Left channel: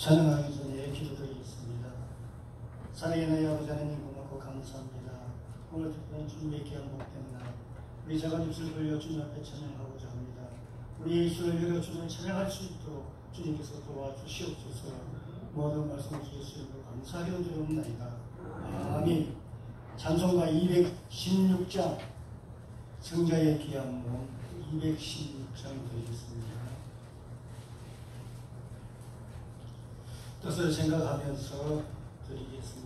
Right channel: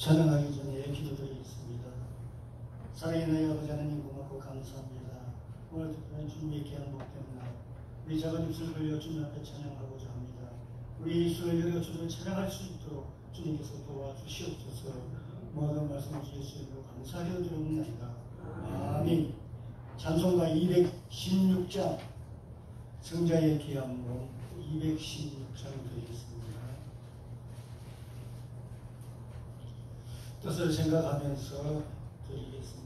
찬양하기 전에 기도드리겠습니다. 사랑의 아버지 하나님 고맙고 감사합니다. 오늘 특별한 주님의 귀한 복된 날 우리 작은 입술을 벌려 주님 앞에 찬양하고자 합니다. 우리 입술을 열어 주님을 찬양할 수 있도록 주님께서 도와주시옵소서. 모든 말씀을 주시옵소서. 감사하게 드리옵나이다. 아멘. 찬송가 216장 성자의 귀한 몸 216장 드리겠습니다. 뜻을 생각하면서 드리겠습니다.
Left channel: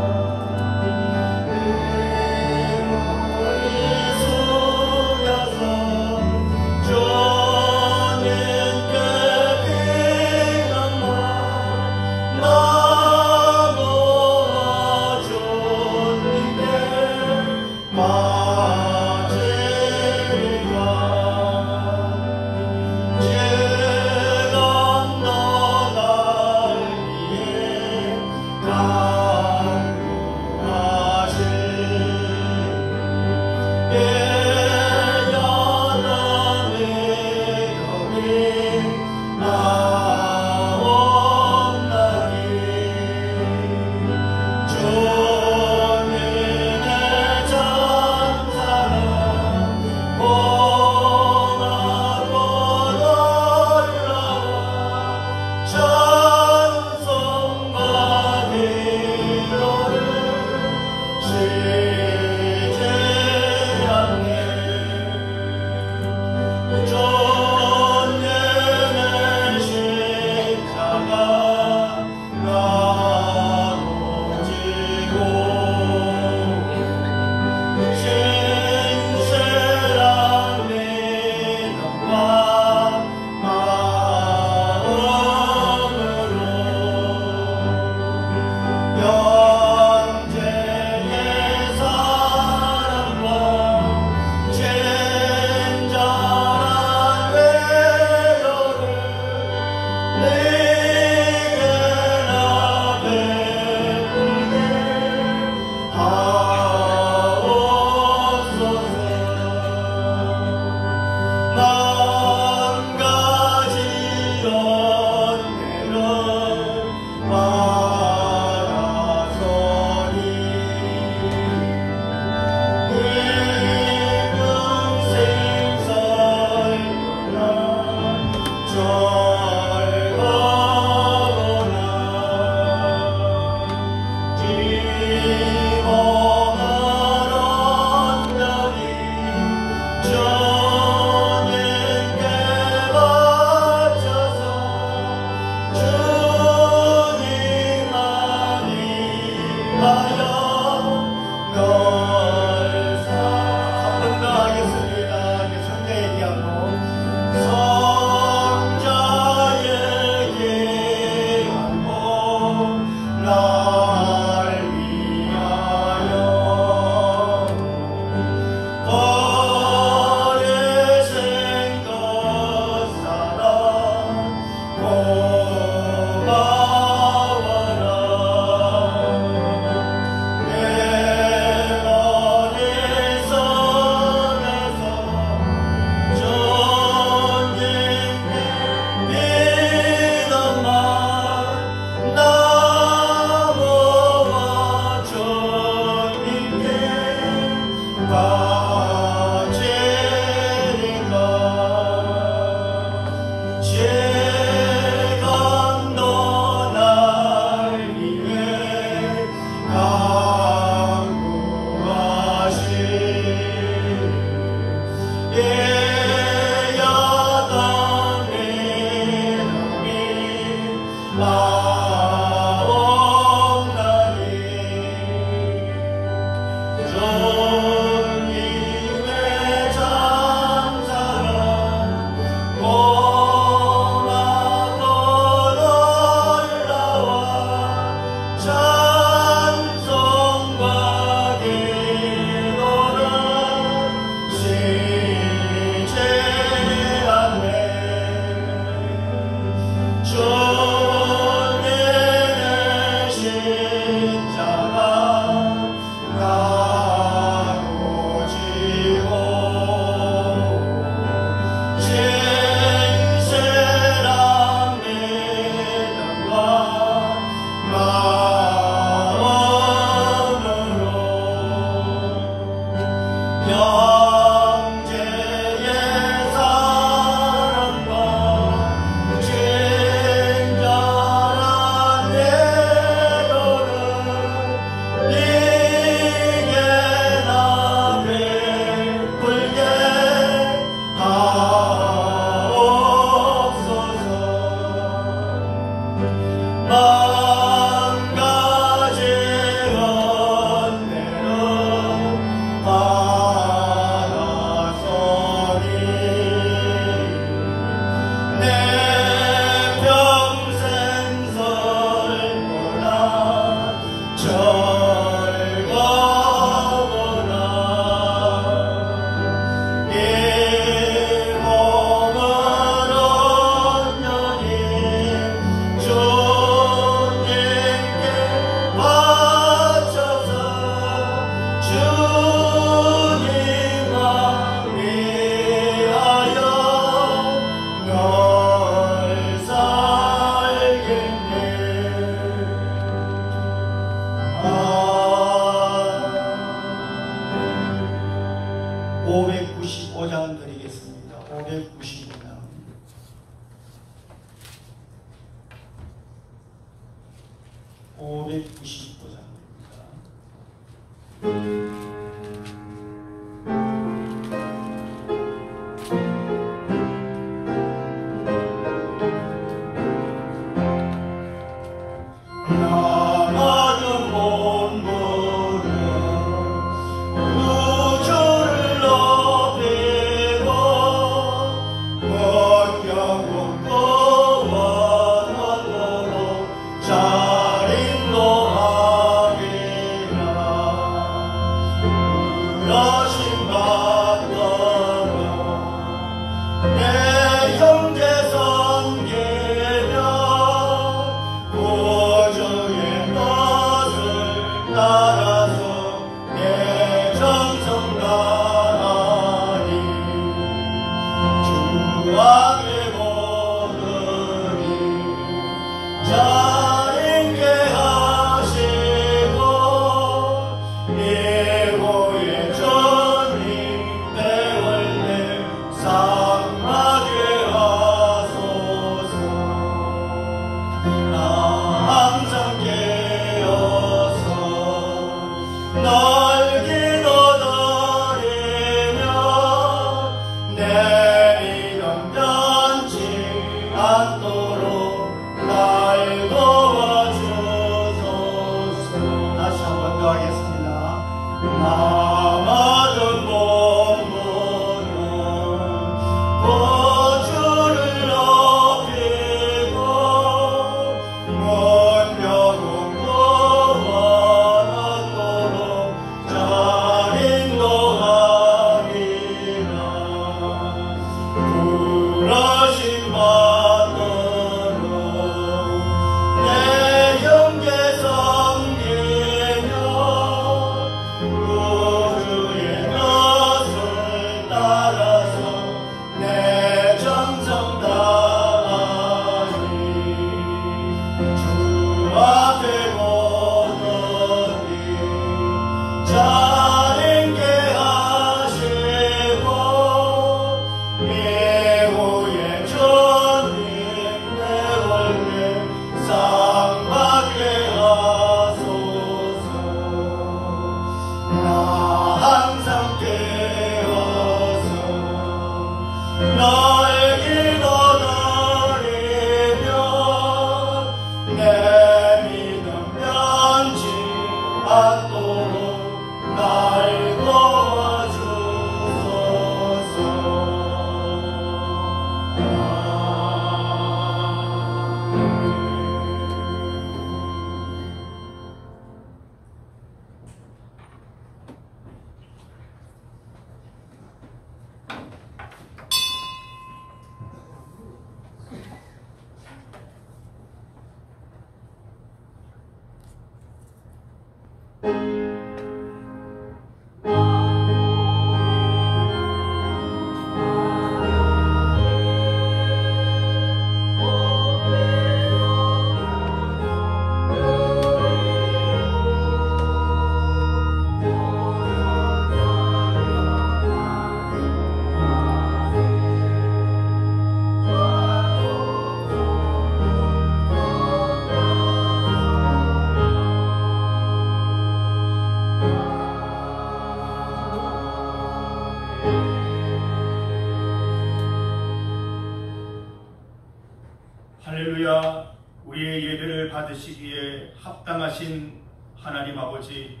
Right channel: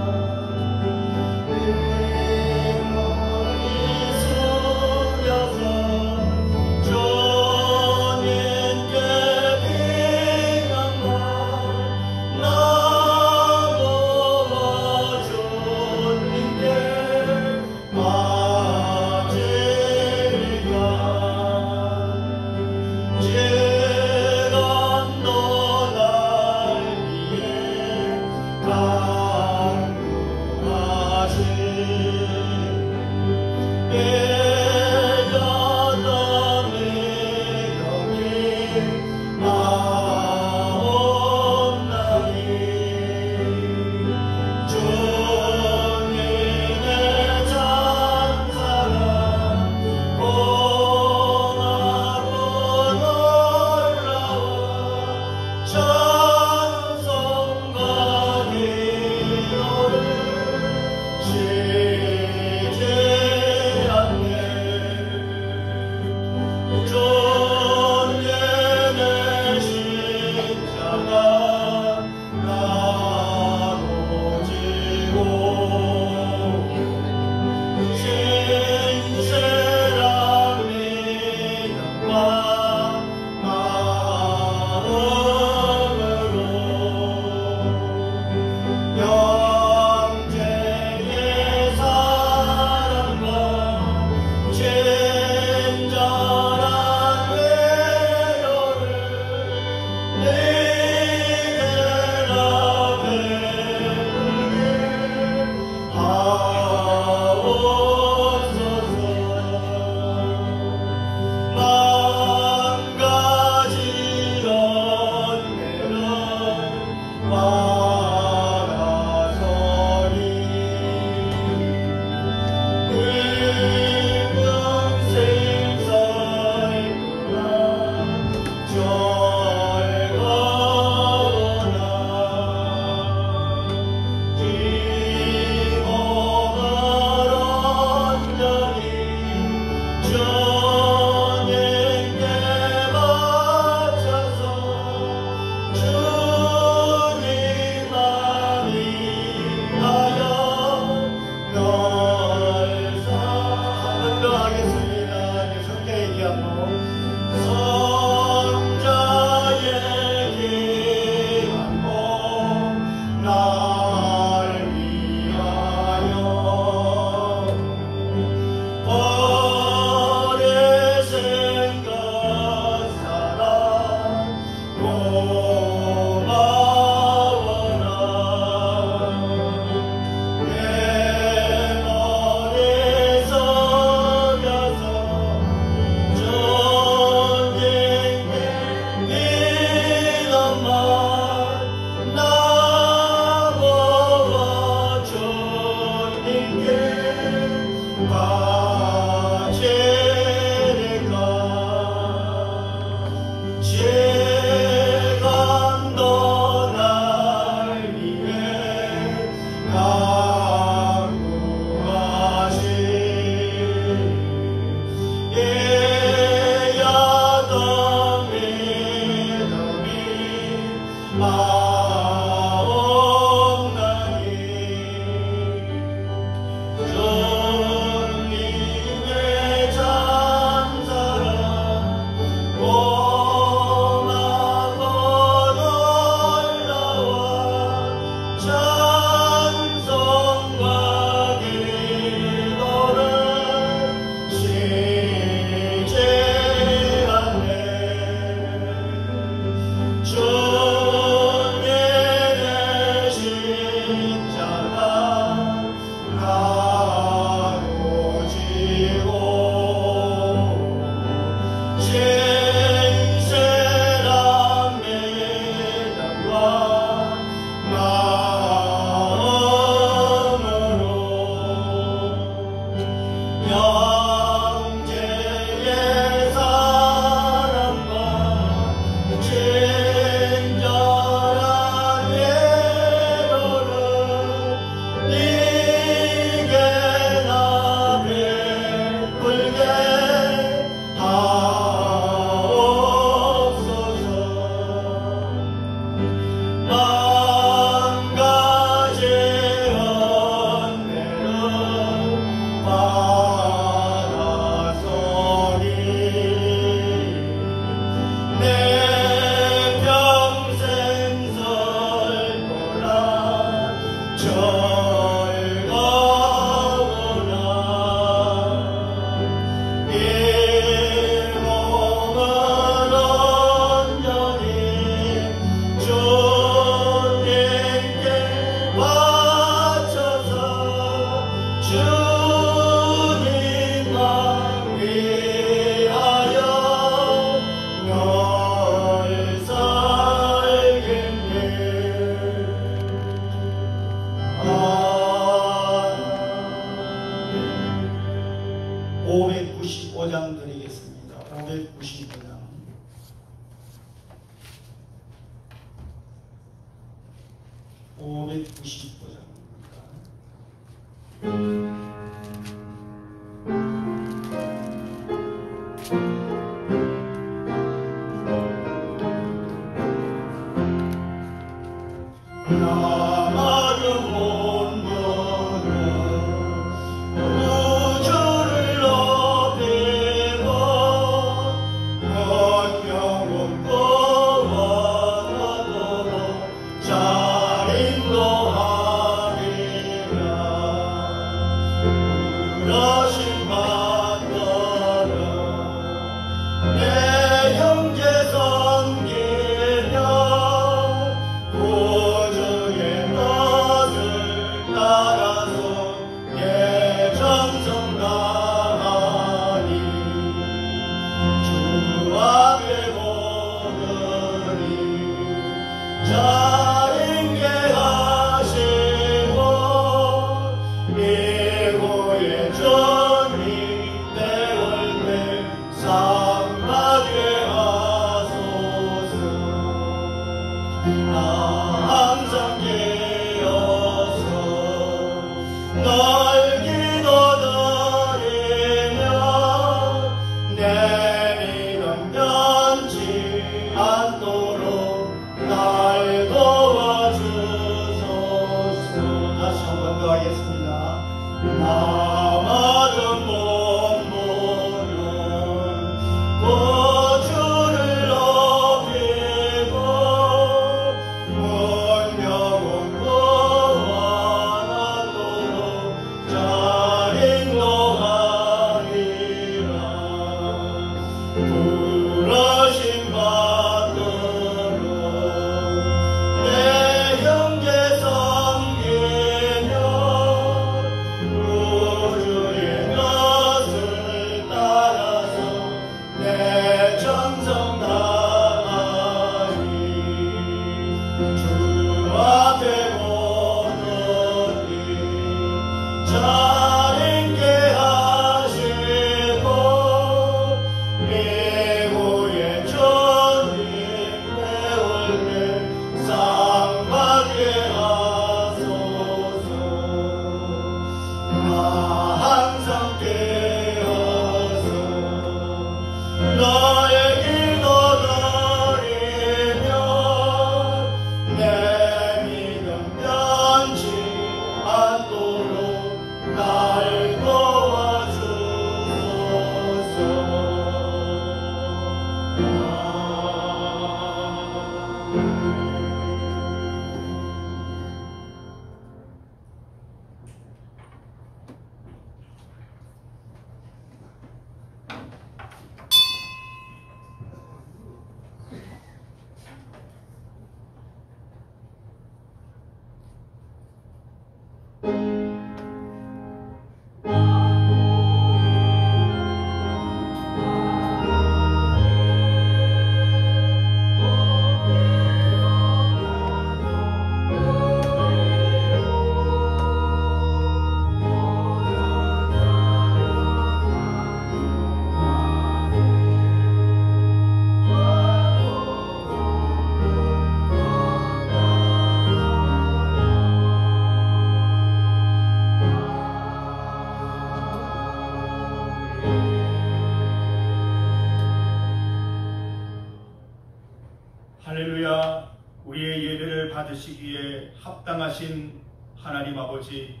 할렐루야. 우리의 예배를 받으시기에 합당하신 하나님 아버지,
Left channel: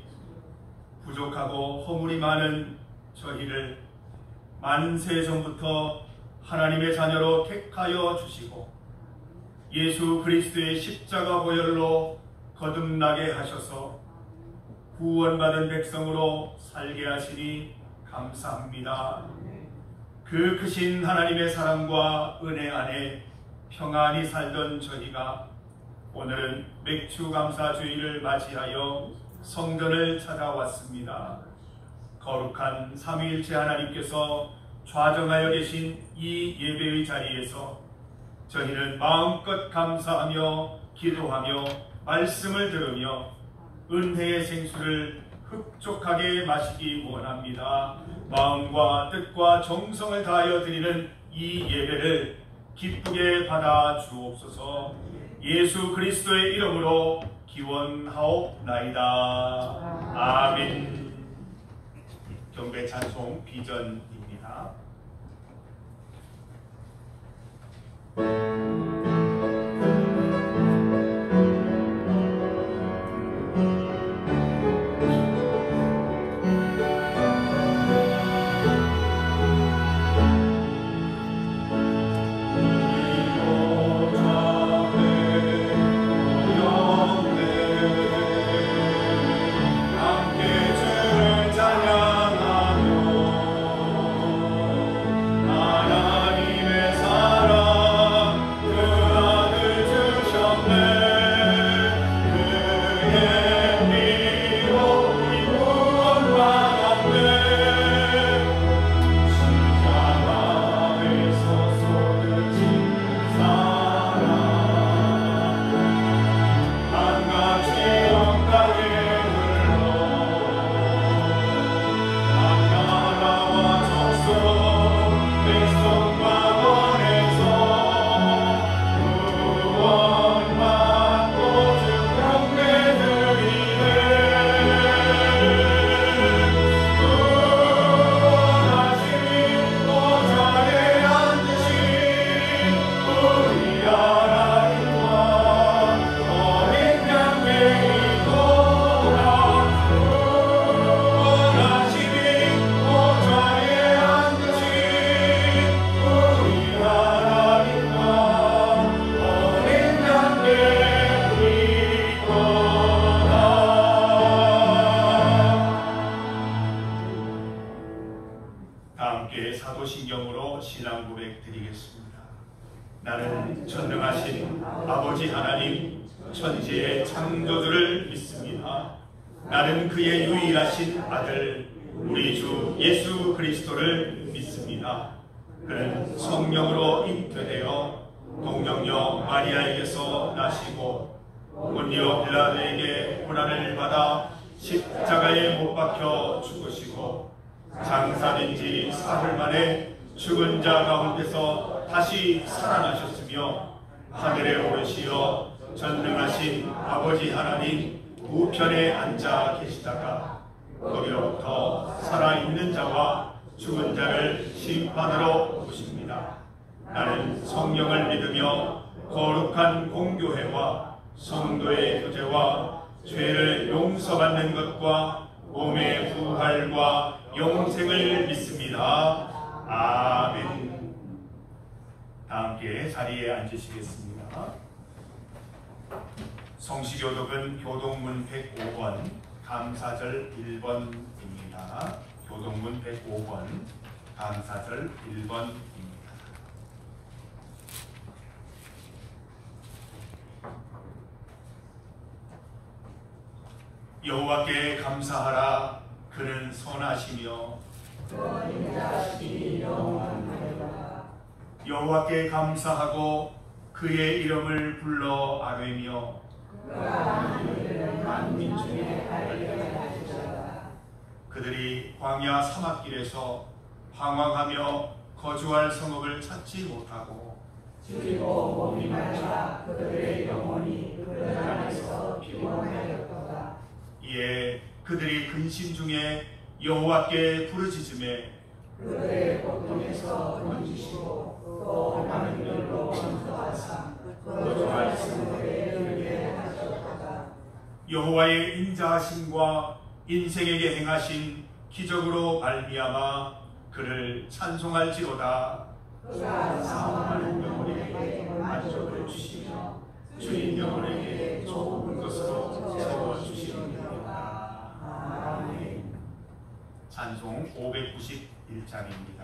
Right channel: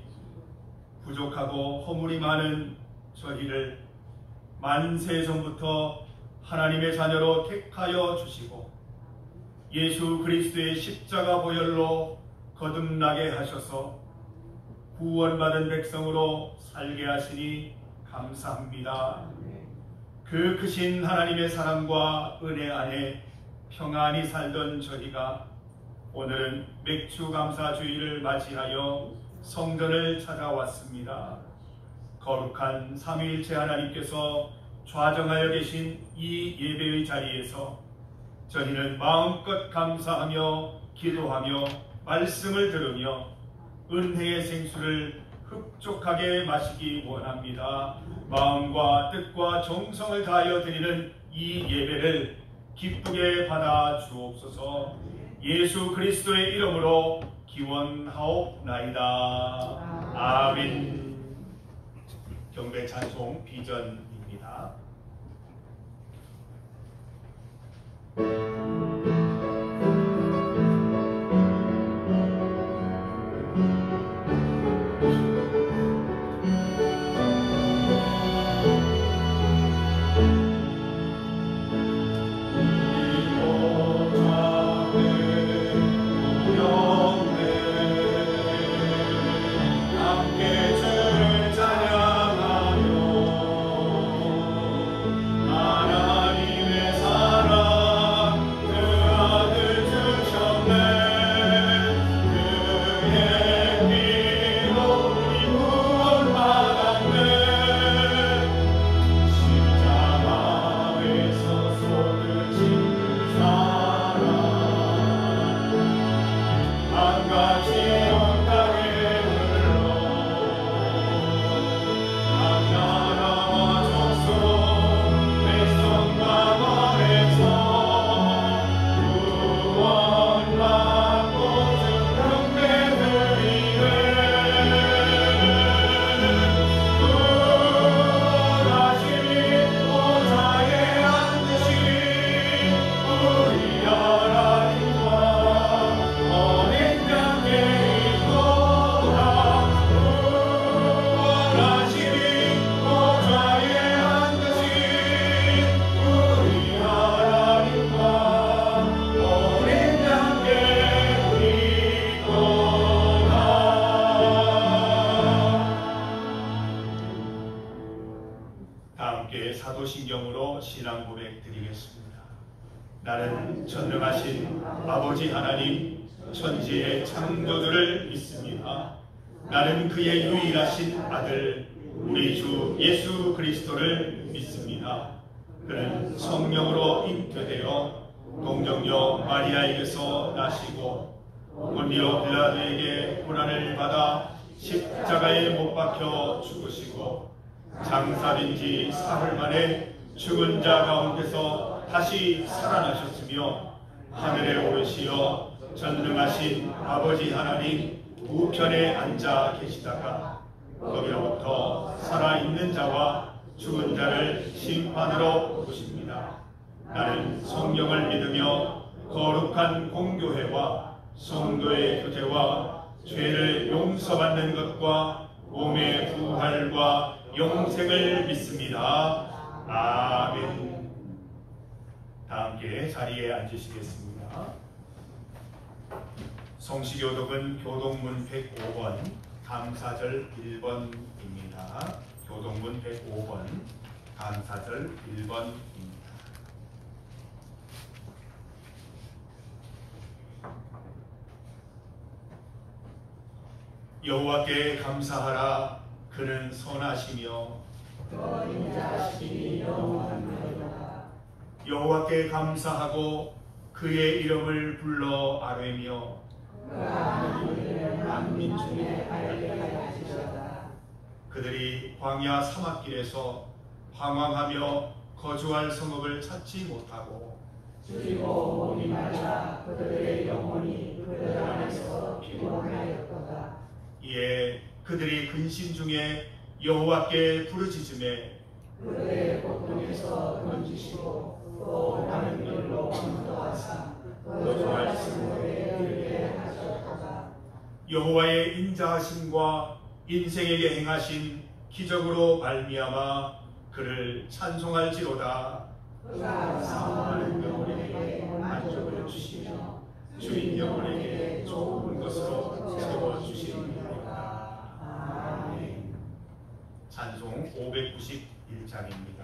부족하고 허물이 많은 저희를 만세 전부터 하나님의 자녀로 택하여 주시고 예수 그리스도의 십자가 보혈로 거듭나게 하셔서 구원받은 백성으로 살게 하시니 감사합니다. 그 크신 하나님의 사랑과 은혜 안에 평안히 살던 저희가 오늘은 맥주감사주의를 맞이하여 성전을 찾아왔습니다. 거룩한 삼위일체 하나님께서 좌정하여 계신 이 예배의 자리에서 저희는 마음껏 감사하며 기도하며 말씀을 들으며 은혜의 생수를 흡족하게 마시기 원합니다. 마음과 뜻과 정성을 다하여 드리는 이 예배를 기쁘게 받아 주옵소서. 예수 그리스도의 이름으로 기원하옵나이다. 아멘. 경배 찬송 비전입니다. 사도신경으로 신앙 고백 드리겠습니다. 나는 전능하신 아버지 하나님 천지의 창조주를 믿습니다. 나는 그의 유일하신 아들 우리 주 예수 그리스도를 믿습니다. 그는 성령으로 잉태되어 동정녀 마리아에게서 나시고 본디오 빌라도에게 고난을 받아 십자가에 못 박혀 죽으시고 장사된 지 사흘 만에 죽은 자 가운데서 다시 살아나셨으며 하늘에 오르시어 전능하신 아버지 하나님 우편에 앉아 계시다가 거기로부터 살아있는 자와 죽은 자를 심판하러 오십니다. 나는 성령을 믿으며 거룩한 공교회와 성도의 교제와 죄를 용서받는 것과 몸의 부활과 영생을 믿습니다. 아멘. 다 함께 자리에 앉으시겠습니다. 성시교독은 교동문 105번 감사절 1번입니다. 교동문 105번 감사절 1번입니다. 여호와께 감사하라. 그는 선하시며 여호와께 감사하고 그의 이름을 불러 아뢰며 그들이 광야 사막길에서 방황하며 거주할 성읍을 찾지 못하고 그리고 몸이 말라 그들의 영혼이 그들 안에서 피곤하였도다. 이에 그들이 근심 중에 여호와께 부르짖음에 그들의 고통에서 건지시고 또 많은 일로 감사하사 거주할 성읍에 이르게 하셨도다. 여호와의 인자하심과 인생에게 행하신 기적으로 발미암아 그를 찬송할지로다. 그가 상황하는 영혼에게 만족을 주시며 주인 영혼에게 좋은 것으로 채워주시니라. 아멘. 찬송 591장입니다.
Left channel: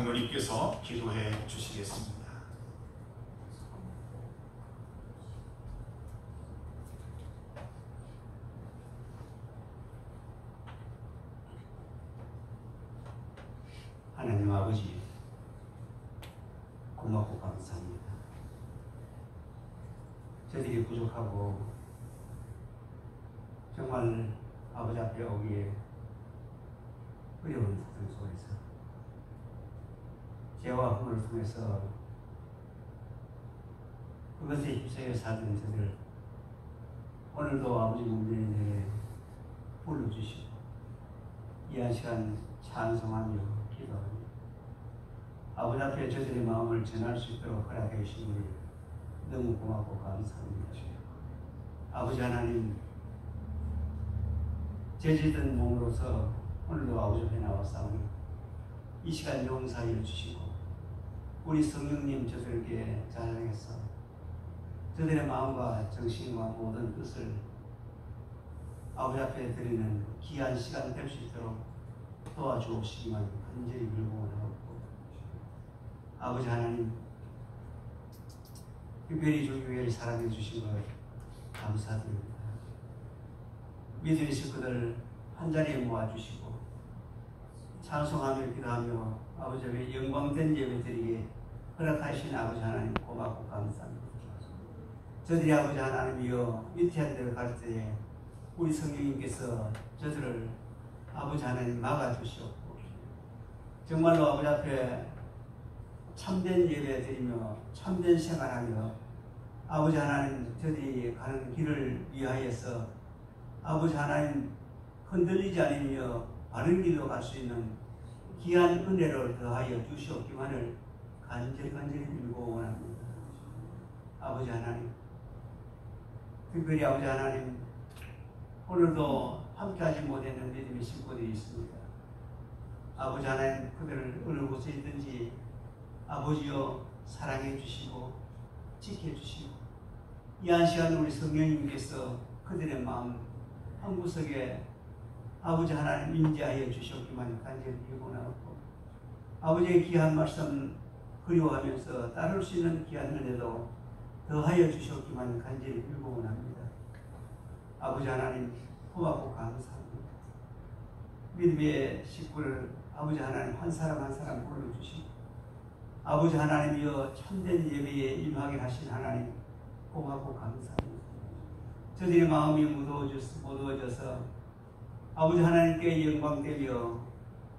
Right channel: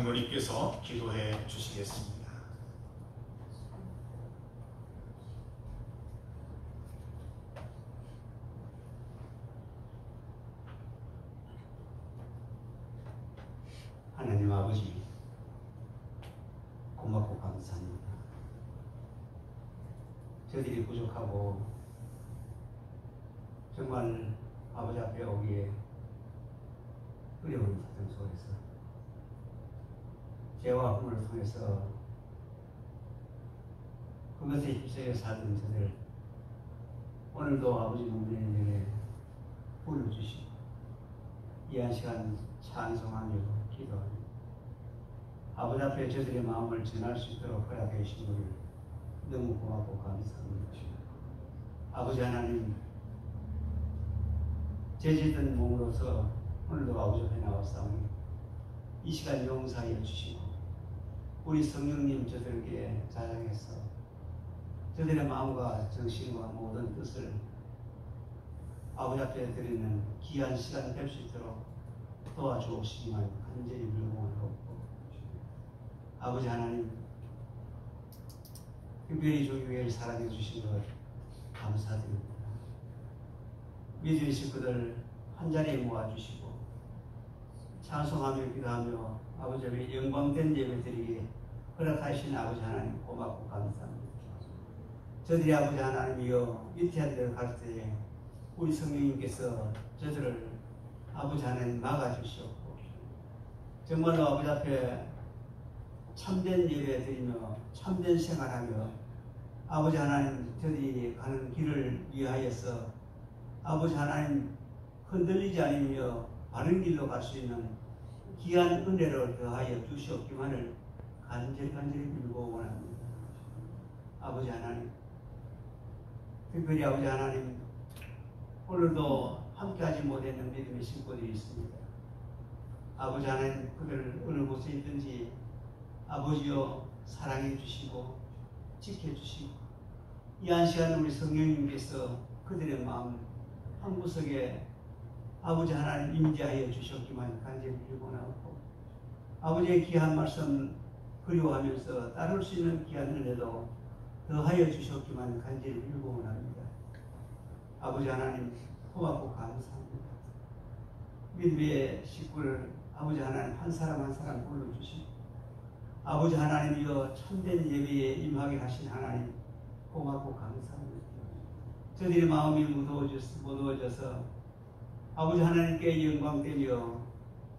장로님께서 기도해 주시겠습니다. 하나님 아버지, 고맙고 감사합니다. 저희들이 부족하고 정말 아버지 앞에 오기에 어려운 사정 속에서 죄와 허물을 통해서 그것에 휩싸여 살던 저들 오늘도 아버지 문명에 불러주시고 이 한 시간 찬송하며 기도합니다. 아버지 앞에 저들의 마음을 전할 수 있도록 허락해 주신 우리 너무 고맙고 감사합니다. 아버지 하나님, 죄짓은 몸으로서 오늘도 아버지 앞에 나왔사오니 이 시간 용서하여 주시고 우리 성령님 저들에게 자랑해서 저들의 마음과 정신과 모든 뜻을 아버지 앞에 드리는 귀한 시간이 될 수 있도록 도와주시기만 간절히 기도하고 아버지 하나님, 특별히 주교회에 사랑해 주신 것 감사드립니다. 믿음의 식구들 한자리에 모아주시고 찬송하며 기도하며 아버지 앞에 영광된 예배드리기에 허락하신 아버지 하나님 고맙고 감사합니다. 저들이 아버지 하나님이여 위태한 데를 갈 때에 우리 성령님께서 저들을 아버지 하나님 막아주시옵고 정말로 아버지 앞에 참된 예배 드리며 참된 생활하며 아버지 하나님 저들이 가는 길을 위하여서 아버지 하나님 흔들리지 않으며 바른 길로 갈 수 있는 귀한 은혜를 더하여 주시옵기만을 간절히 빌고 원합니다. 아버지 하나님, 특별히 아버지 하나님, 오늘도 함께하지 못했는 믿음의 식구들이 있습니다. 아버지 하나님, 그들을 어느 곳에 있든지 아버지여 사랑해 주시고 지켜주시고 이 한 시간 우리 성령님께서 그들의 마음 한 구석에 아버지 하나님 임재하여 주셨기만 간절히 빌고 나왔고 아버지의 귀한 말씀 그리워하면서 따를 수 있는 귀한 은혜도 더하여 주셨기만 간절히 빌고 원합니다. 아버지 하나님 고맙고 감사합니다. 믿음의 식구를 아버지 하나님 한 사람 한 사람 불러주시고 아버지 하나님이여 참된 예배에 임하게 하신 하나님 고맙고 감사합니다. 저들의 마음이 무더워져서 아버지 하나님께 영광되며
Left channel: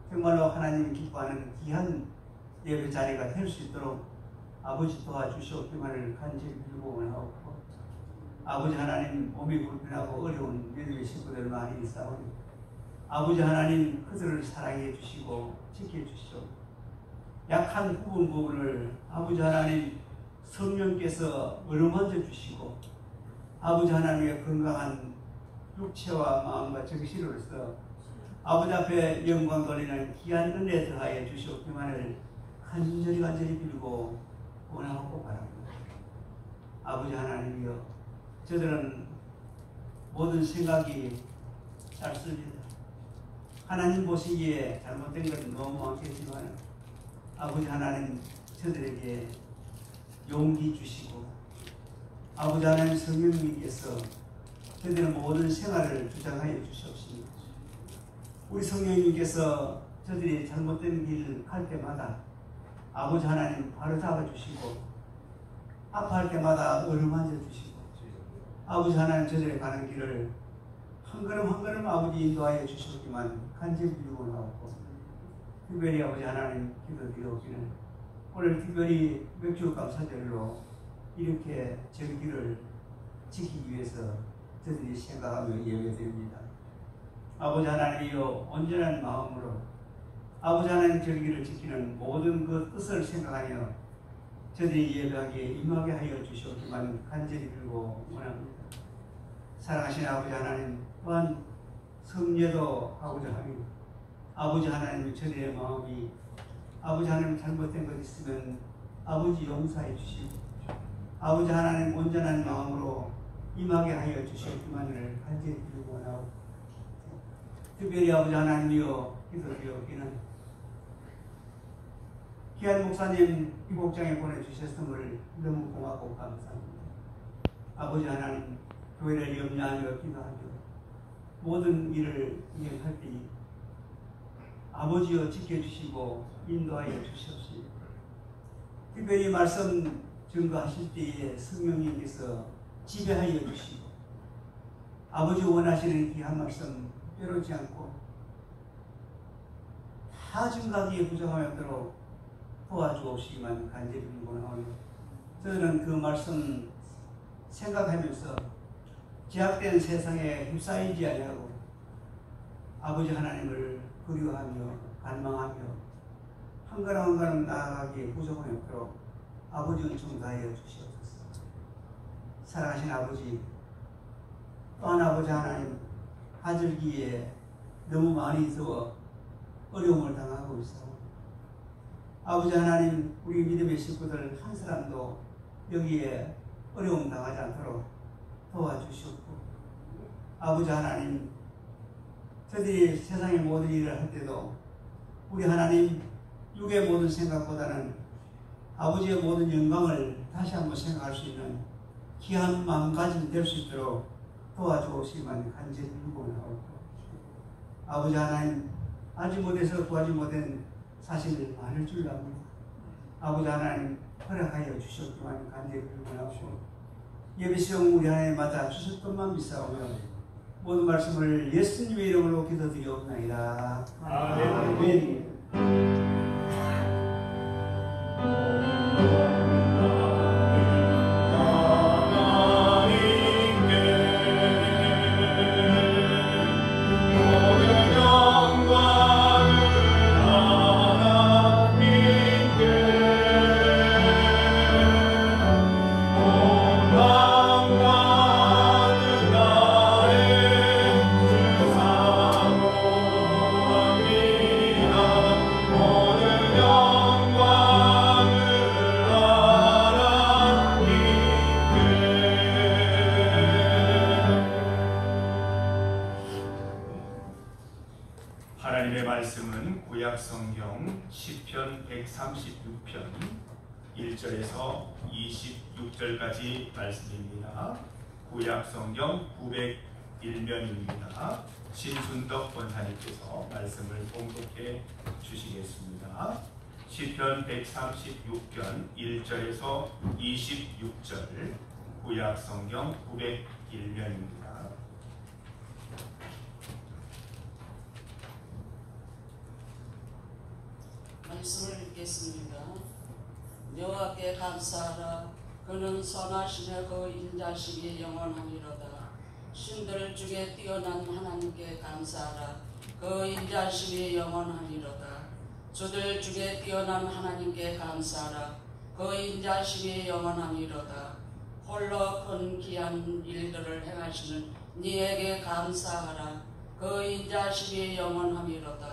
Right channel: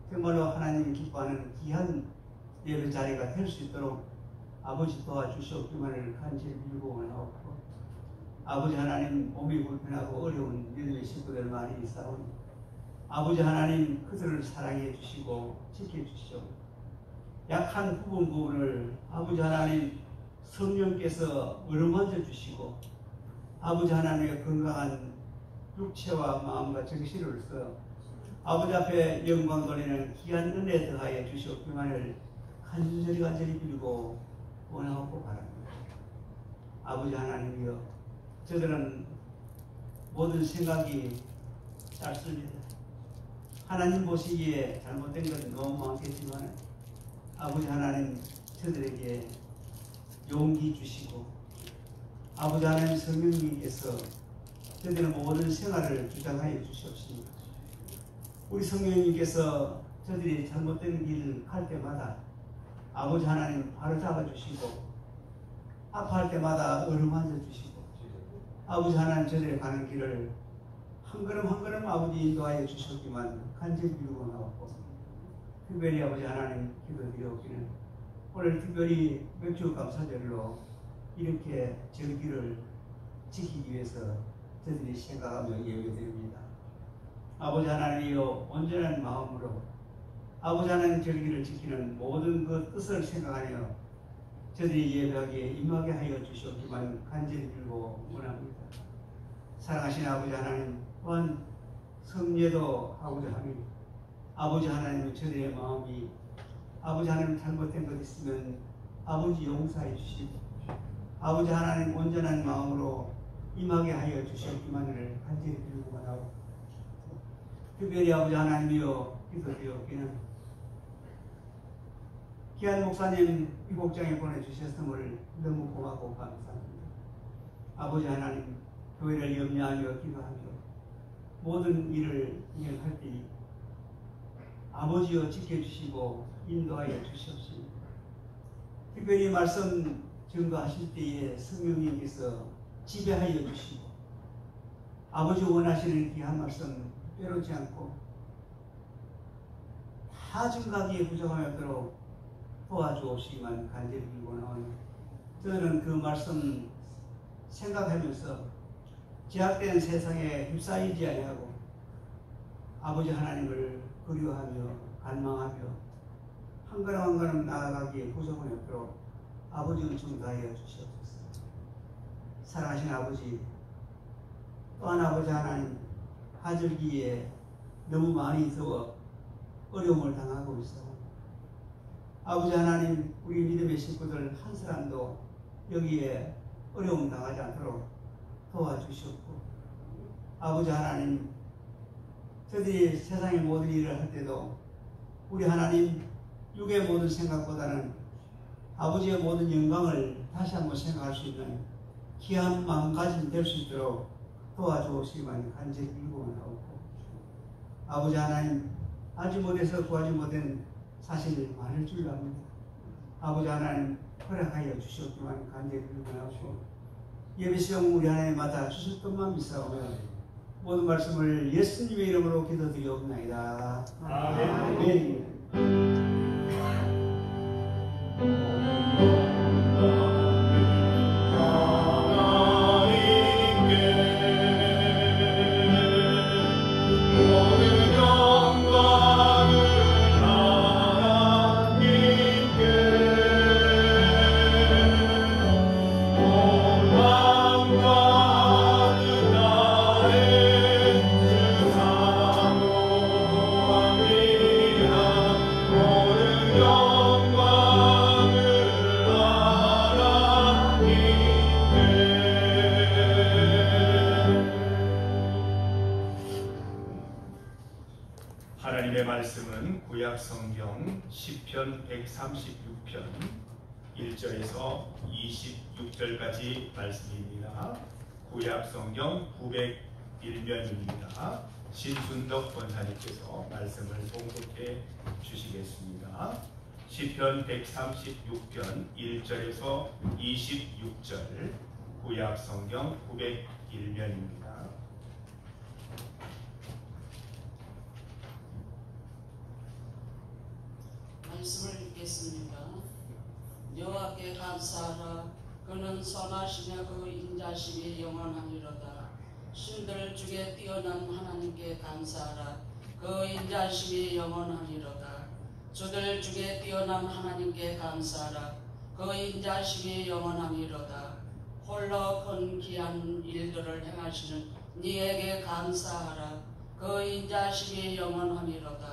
정말로 하나님 기뻐하는 귀한 예배 자리가 될 수 있도록 아버지 도와주시옵기만을 간절히 빌고 원하옵고 아버지 하나님 몸이 불편하고 어려운 믿음의 식구들 많이 있사오니 아버지 하나님 그들을 사랑해 주시고 지켜주시오. 약한 부분을 아버지 하나님 성령께서 어루만져 주시고 아버지 하나님의 건강한 육체와 마음과 정신으로서 아버지 앞에 영광 돌리는 귀한 은혜 더하여 주시옵기만을 간절히 빌고 원하고 바랍니다. 아버지 하나님이여 저들은 모든 생각이 짧습니다. 하나님 보시기에 잘못된 것은 너무 많겠지만 아버지 하나님 저들에게 용기 주시고 아버지 하나님 성령님께서 저들의 모든 생활을 주장하여 주시옵소서. 우리 성령님께서 저들이 잘못된 길 갈 때마다 아버지 하나님 바로 잡아주시고 아파할 때마다 어루만져 주시고 아버지 하나님 저들의 가는 길을 한 걸음 한 걸음 아버지 인도하여 주셨기만 간절히 빌고 나왔고 특별히 아버지 하나님 기도드리옵기는 오늘 특별히 맥주 감사절로 이렇게 절기를 지키기 위해서 저들이 생각하며 예배드립니다. 아버지 하나님이여 온전한 마음으로 아버지 하나님 절기를 지키는 모든 그 뜻을 생각하며 저들이 예배하기에 임하게 하여 주시옵기만 간절히 빌고 원합니다. 사랑하신 아버지 하나님 또한 성례도 하고자 하니 아버지 하나님 저들의 마음이 아버지 하나님 잘못된 것 있으면 아버지 용서해 주시고 아버지 하나님 온전한 마음으로 임하게 하여 주시옵기만을 간절히 빌고 원하고 특별히 아버지 하나님이여 기도드리옵기는 귀한 목사님 이 복장에 보내주셨음을 너무 고맙고 감사합니다. 아버지 하나님, 교회를 염려하여 기도하며 모든 일을 이행할 때 아버지여 지켜주시고 인도하여 주시옵시고, 특별히 말씀 증거하실 때에 성령님께서 지배하여 주시고 아버지 원하시는 귀한 말씀 빼놓지 않고 다 증거하기에 부족하도록 도와주옵시기만 간절히 기원하오니, 저는 그 말씀 생각하면서 제약된 세상에 휩싸이지 아니하고 아버지 하나님을 그리워하며 갈망하며 한 걸음 한 걸음 나아가기에 부족함이 없도록 아버지 은총 다하여 주시옵소서. 사랑하신 아버지, 또한 아버지 하나님, 하절기에 너무 많이 더워 어려움을 당하고 있어 아버지 하나님, 우리 믿음의 식구들 한 사람도 여기에 어려움 당하지 않도록 도와주시옵고, 아버지 하나님, 저들이 세상의 모든 일을 할 때도 우리 하나님 육의 모든 생각보다는 아버지의 모든 영광을 다시 한번 생각할 수 있는 귀한 마음가짐 될 수 있도록 도와주시기만 간절히 기도하옵고, 아버지 하나님, 알지 못해서 구하지 못한 사실이 많을 줄 압니다. 아버지 하나님, 허락하여 주셨기만 간절히 기도하옵고, 예배시험 우리 하나님 맞아 주실 것만 믿사오며 모든 말씀을 예수님의 이름으로 기도드리옵나이다. 아멘. 하나님의 말씀은 구약 성경 시편 136편 1절에서 26절까지 말씀입니다. 구약 성경 901면입니다. 신순덕 권사님께서 말씀을 봉독해 주시겠습니다. 시편 136편 1절에서 26절, 구약 성경 901면입니다. 말씀을 읽겠습니다. 여호와께 감사하라. 그는 선하시며 그 인자심이 영원하니로다. 신들 중에 뛰어난 하나님께 감사하라. 그 인자심이 영원하니로다. 주들 중에 뛰어난 하나님께 감사하라. 그 인자심이 영원하니로다. 홀로 큰 귀한 일들을 행하시는 니에게 감사하라. 그 인자심이 영원하니로다.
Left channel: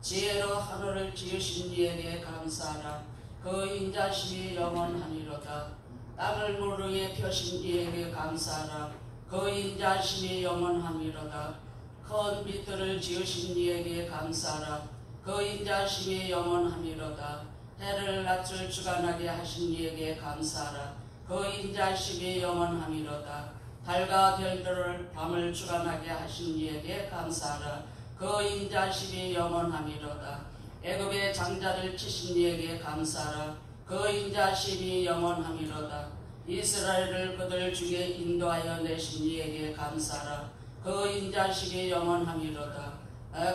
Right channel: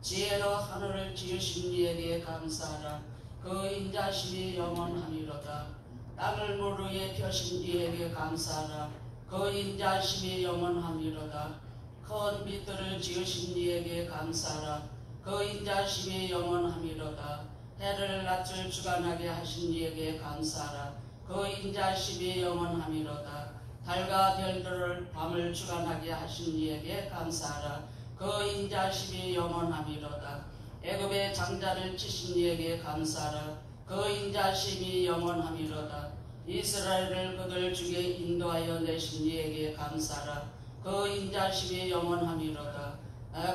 지혜로 하늘을 지으신 이에게 감사하라. 그 인자심이 영원하니로다. 땅을 물 위에 펴신 이에게 감사하라. 그 인자심이 영원하니로다. 큰 빛들을 지으신 이에게 감사하라. 그 인자심이 영원하니로다. 해를 낯을 주관하게 하신 이에게 감사하라. 그 인자심이 영원하니로다. 달과 별들을 밤을 주관하게 하신 이에게 감사하라. 그 인자심이 영원하니로다. 애굽의 장자를 치신 이에게 감사하라. 그 인자심이 영원하니로다. 이스라엘을 그들 중에 인도하여 내신 이에게 감사하라. 그 인자심이 영원하니로다.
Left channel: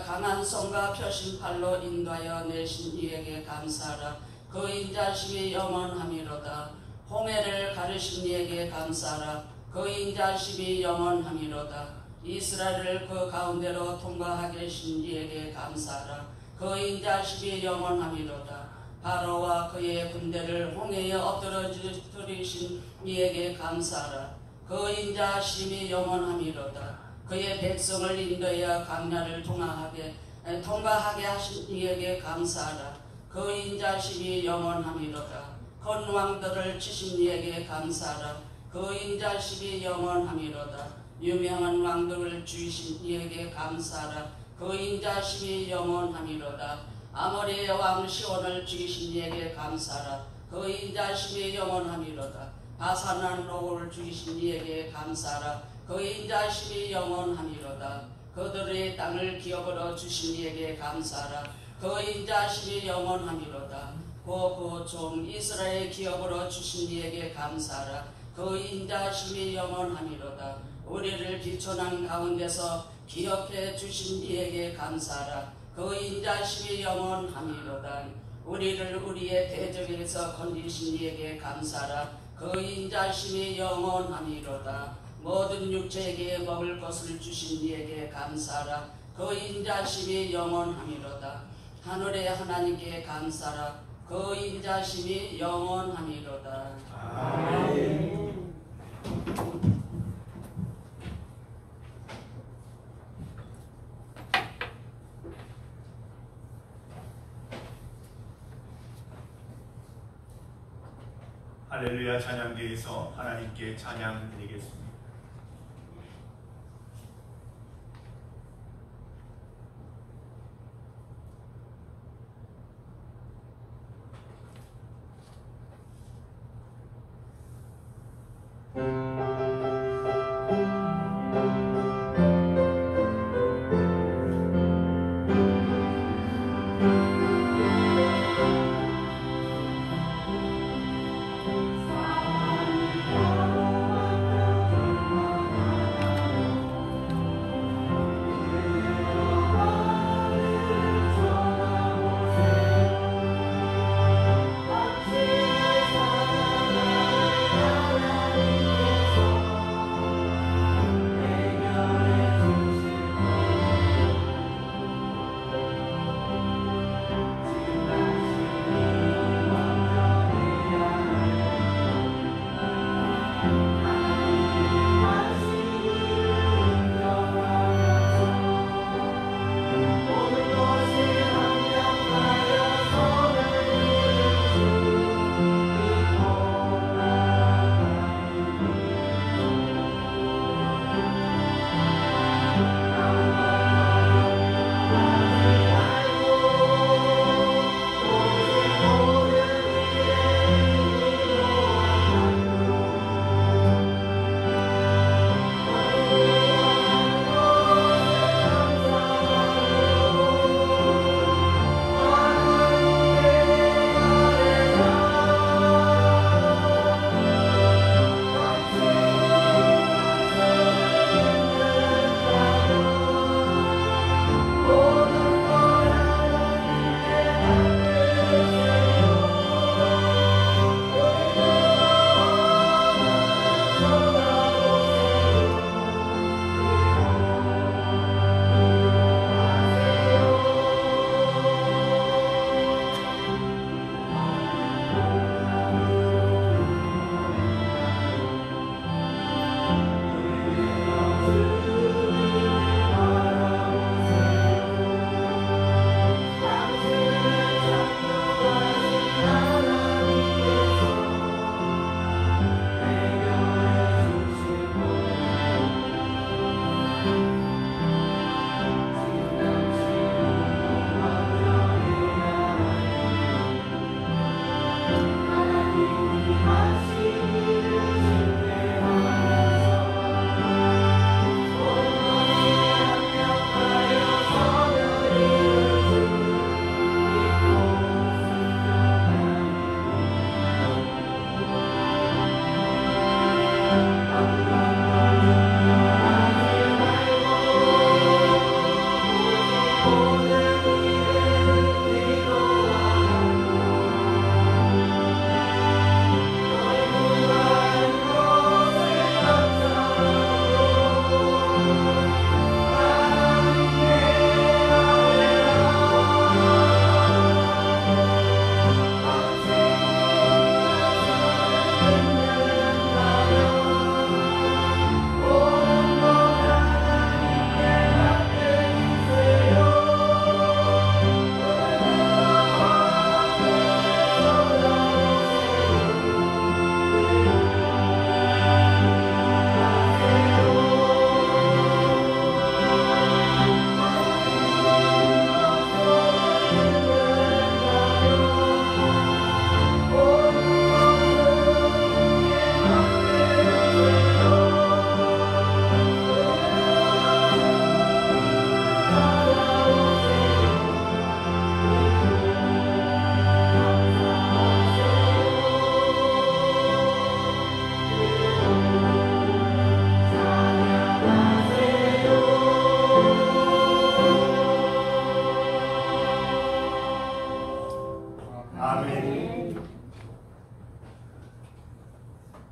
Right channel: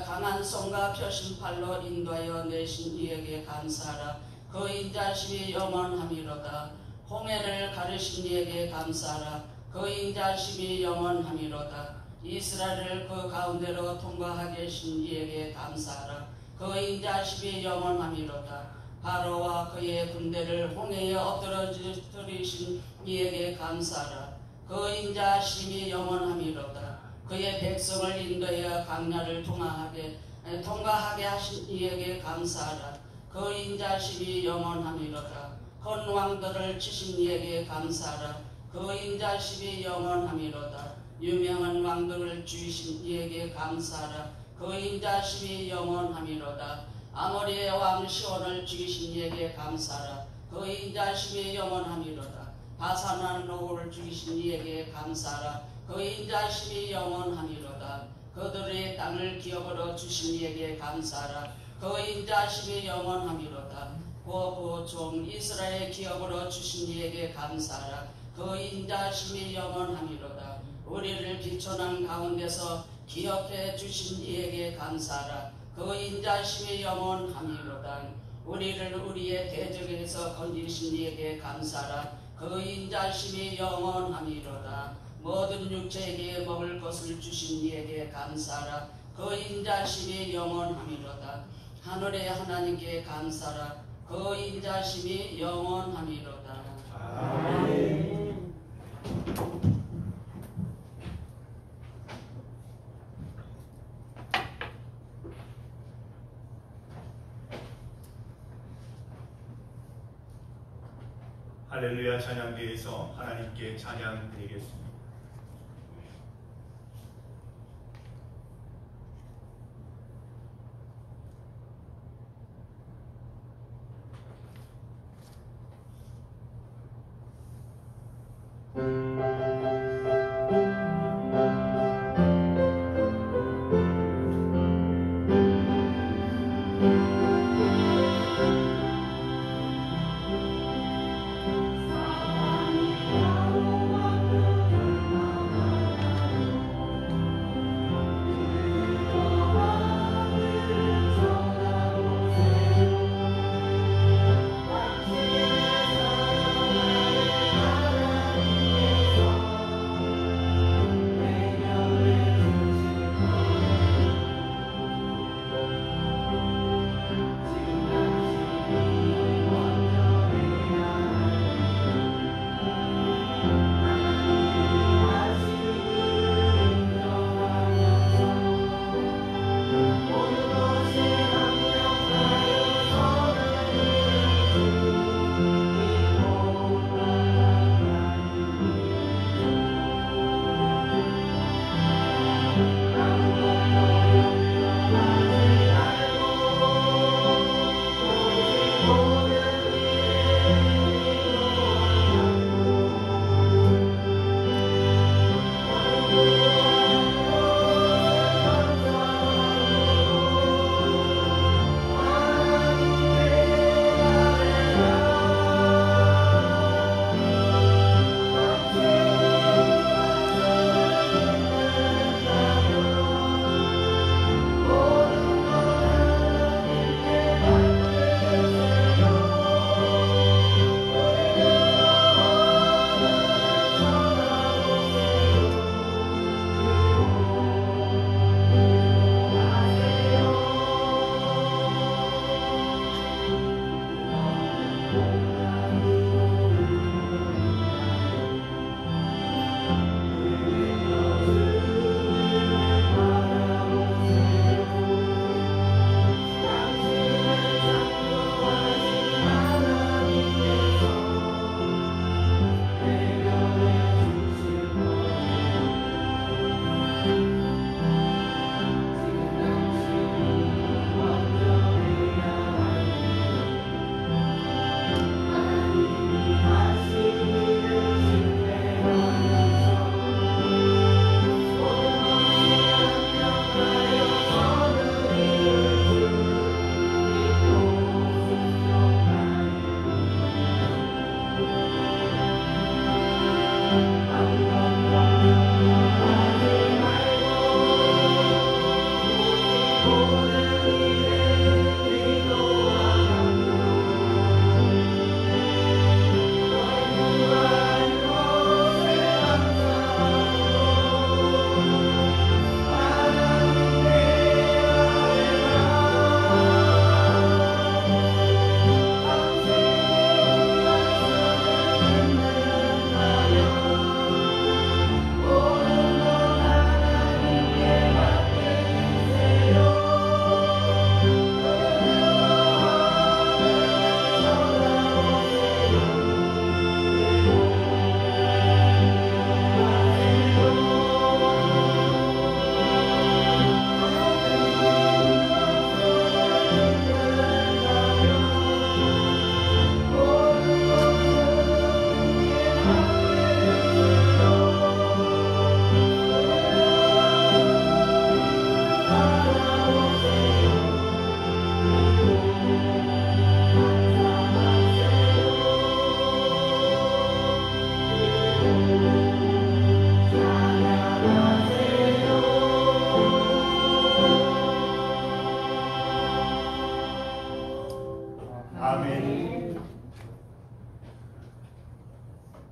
강한 손과 펴신 팔로 인도하여 내신 이에게 감사하라. 그 인자심이 영원하니로다. 홍해를 가르신 이에게 감사하라. 그 인자심이 영원하니로다. 이스라엘을 그 가운데로 통과하게 하신 이에게 감사하라. 그 인자심이 영원하니로다. 바로와 그의 군대를 홍해에 엎드러뜨리신 이에게 감사하라. 그 인자심이 영원하니로다. 그의 백성을 인도하여 강나를 통과하게 하신 이에게 감사하라. 그 인자심이 영원하니로다. 큰 왕들을 치신 이에게 감사하라. 그 인자심이 영원하니로다. 유명한 왕들을 주신 이에게 감사하라. 그 인자심이 영원하니로다. 아모리의 왕 시온을 죽이신 이에게 감사하라. 그 인자하심이 영원함이로다. 바산 왕을 죽이신 이에게 감사하라. 그 인자하심이 영원함이로다. 그들의 땅을 기업으로 주신 이에게 감사하라. 그 인자하심이 영원함이로다. 그 종 이스라엘 기업으로 주신 이에게 감사하라. 그 인자하심이 영원함이로다. 우리를 기초난 가운데서 기업해 주신 이에게 감사하라. 그 인자하심이 영원함이로다. 우리를 우리의 대적에서 건지신 이에게 감사하라. 그 인자하심이 영원함이로다. 모든 육체에게 먹을 것을 주신 이에게 감사하라. 그 인자하심이 영원함이로다. 하늘의 하나님께 감사하라. 그 인자하심이 영원함이로다. 아멘. 할렐루야 찬양대에서 하나님께 찬양 드리겠습니다.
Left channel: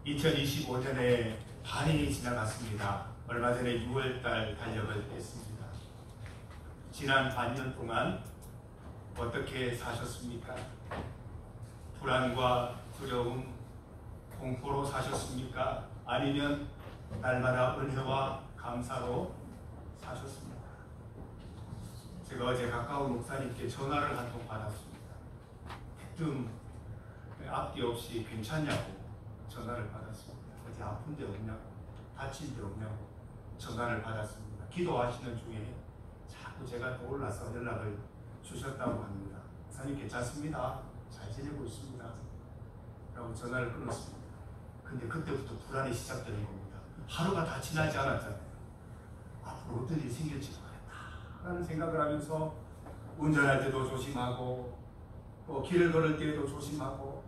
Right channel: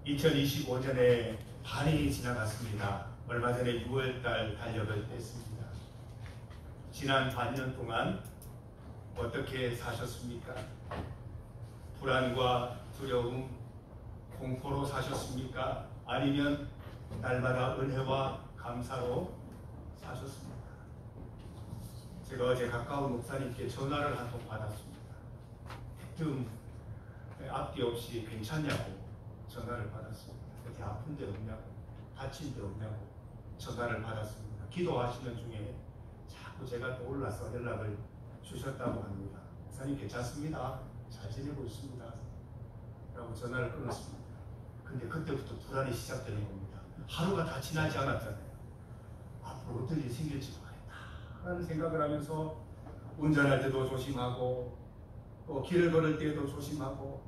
2025년에 반이 지나갔습니다. 얼마 전에 6월달 달력을 뺐습니다. 지난 반년 동안 어떻게 사셨습니까? 불안과 두려움, 공포로 사셨습니까? 아니면 날마다 은혜와 감사로 사셨습니까? 제가 어제 가까운 목사님께 전화를 한 통 받았습니다. 대뜸 앞뒤 없이 괜찮냐고 전화를 받았습니다. 어디 아픈 데 없냐고, 다친 데 없냐고 전화를 받았습니다. 기도하시는 중에 자꾸 제가 떠올라서 연락을 주셨다고 합니다. 목사님 괜찮습니다. 잘 지내고 있습니다. 라고 전화를 끊었습니다. 근데 그때부터 불안이 시작되는 겁니다. 하루가 다 지나지 않았잖아요. 앞으로 어떤 일이 생길지 모르겠다 라는 생각을 하면서 운전할 때도 조심하고, 또 길을 걸을 때도 조심하고,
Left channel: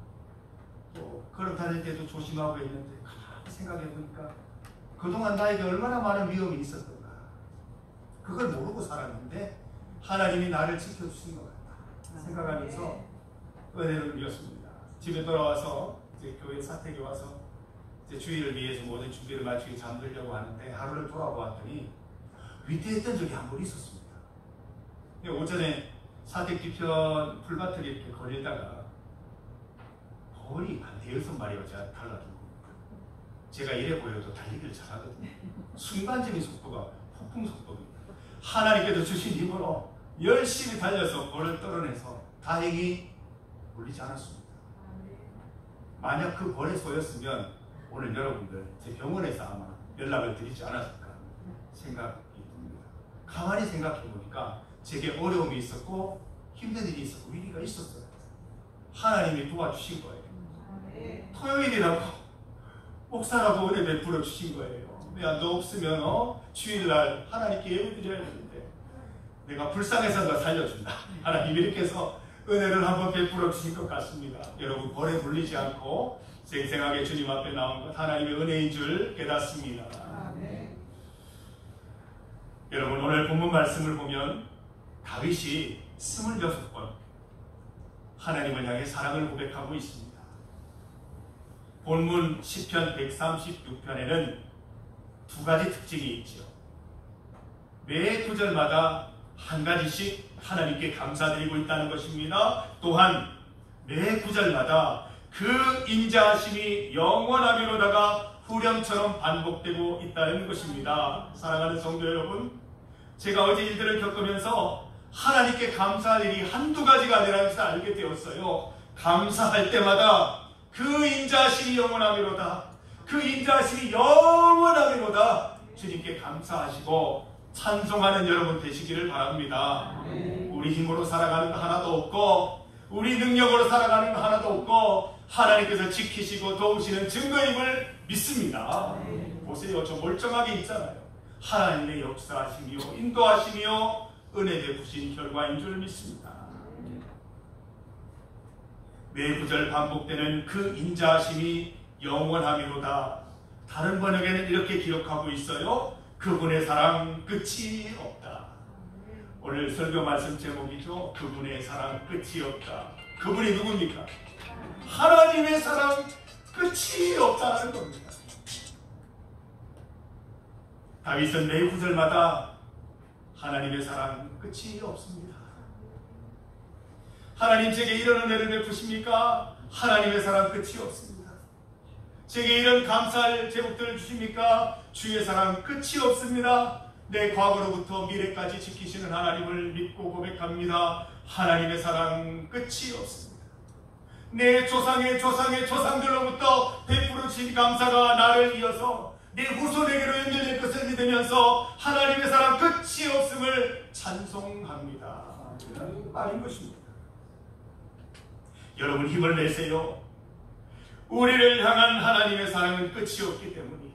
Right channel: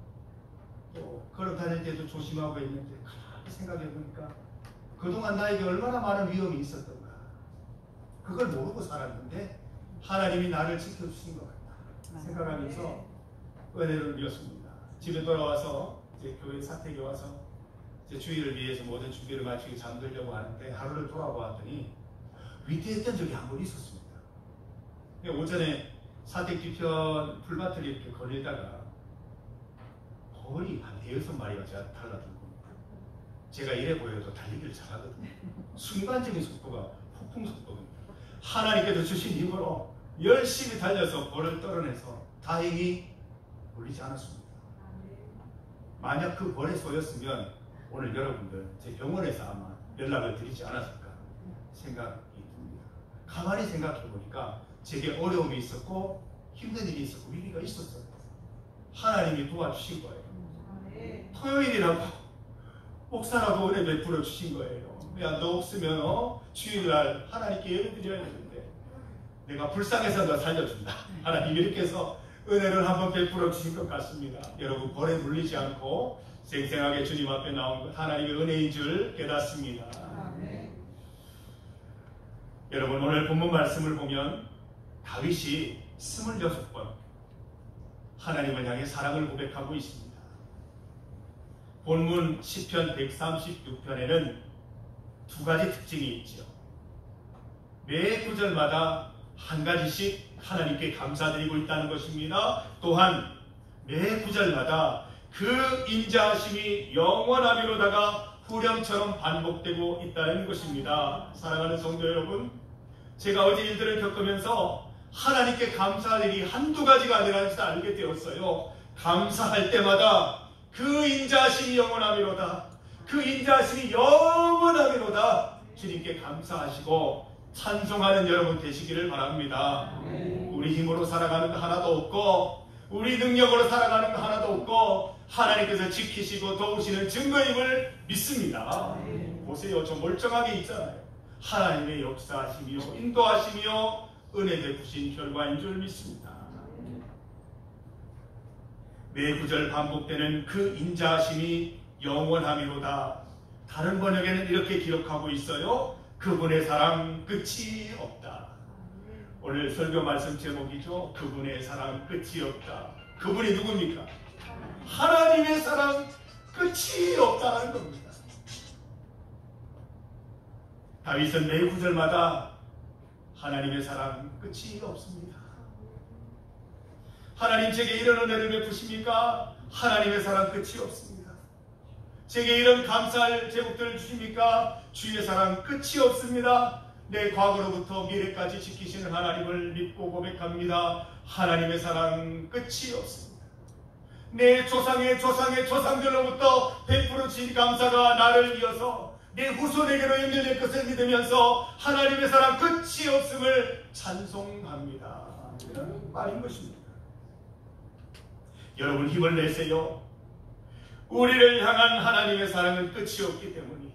또 걸어 다닐 때도 조심하고 있는데 가만히 생각해 보니까 그동안 나에게 얼마나 많은 위험이 있었던가, 그걸 모르고 살았는데 하나님이 나를 지켜주신 것 같다 생각하면서 은혜를 누렸습니다. 집에 돌아와서 이제 교회 사택에 와서 이제 주일을 위해서 모든 준비를 마치고 잠들려고 하는데 하루를 돌아보았더니 위태했던 적이 한 번 있었습니다. 오전에 사택 뒤편 풀밭을 이렇게 걸리다가 벌이 한 5-6마리가 제가 달라든 겁니다. 제가 이래 보여도 달리기를 잘하거든요. 순간적인 속도가 폭풍 속도입니다. 하나님께서 주신 힘으로 열심히 달려서 벌을 떨어내서 다행히 물리지 않았습니다. 만약 그 벌에 쏘였으면 오늘 여러분들 제 병원에서 아마 연락을 드리지 않았을까 생각이 듭니다. 가만히 생각해 보니까 제게 어려움이 있었고 힘든 일이 있었고 위기가 있었어요. 하나님이 도와주신 거예요. 토요일이라고 목사라고 은혜 베풀어 주신 거예요. 야, 너 없으면 주일날 하나님께 예배 드려야 되는데 내가 불쌍해서 너 살려준다. 하나님 이렇게 해서 은혜를 한번 베풀어 주신 것 같습니다. 여러분 벌에 물리지 않고 생생하게 주님 앞에 나온 것 하나님의 은혜인 줄 깨닫습니다. 여러분 오늘 본문 말씀을 보면 다윗이 26번 하나님을 향해 사랑을 고백하고 있습니다. 본문 시편 136편에는 두 가지 특징이 있죠. 매 구절마다 한 가지씩 하나님께 감사드리고 있다는 것입니다. 또한 매 구절마다 그 인자하심이 영원하미로다가 후렴처럼 반복되고 있다는 것입니다. 사랑하는 성도 여러분, 제가 어제 일들을 겪으면서 하나님께 감사할 일이 한두 가지가 아니라는 것을 알게 되었어요. 감사할 때마다 그 인자하심이 영원하미로다, 그 인자하심이 영원하미로다 주님께 감사하시고 찬송하는 여러분 되시기를 바랍니다. 우리 힘으로 살아가는 거 하나도 없고 우리 능력으로 살아가는 거 하나도 없고 하나님께서 지키시고 도우시는 증거임을 믿습니다. 보세요, 저 멀쩡하게 있잖아요. 하나님의 역사하심이요 인도하심이요 은혜 베푸신 결과인 줄 믿습니다. 매 구절 반복되는 그 인자하심이 영원하미로다. 다른 번역에는 이렇게 기록하고 있어요. 그분의 사랑 끝이 없다. 오늘 설교 말씀 제목이죠. 그분의 사랑 끝이 없다. 그분이 누굽니까? 하나님의 사랑 끝이 없다는 겁니다. 다윗은 매 구절마다 하나님의 사랑 끝이 없습니다. 하나님 제게 이런 은혜를 베푸십니까? 하나님의 사랑 끝이 없습니다. 제게 이런 감사할 제목들을 주십니까? 주의 사랑 끝이 없습니다. 내 과거로부터 미래까지 지키시는 하나님을 믿고 고백합니다. 하나님의 사랑 끝이 없습니다. 내 조상의 조상들로부터 베풀어 주신 감사가 나를 이어서 내 후손에게로 연결될 것을 믿으면서 하나님의 사랑 끝이 없음을 찬송합니다. 아닌 것입니다. 여러분 힘을 내세요. 우리를 향한 하나님의 사랑은 끝이 없기 때문이에요.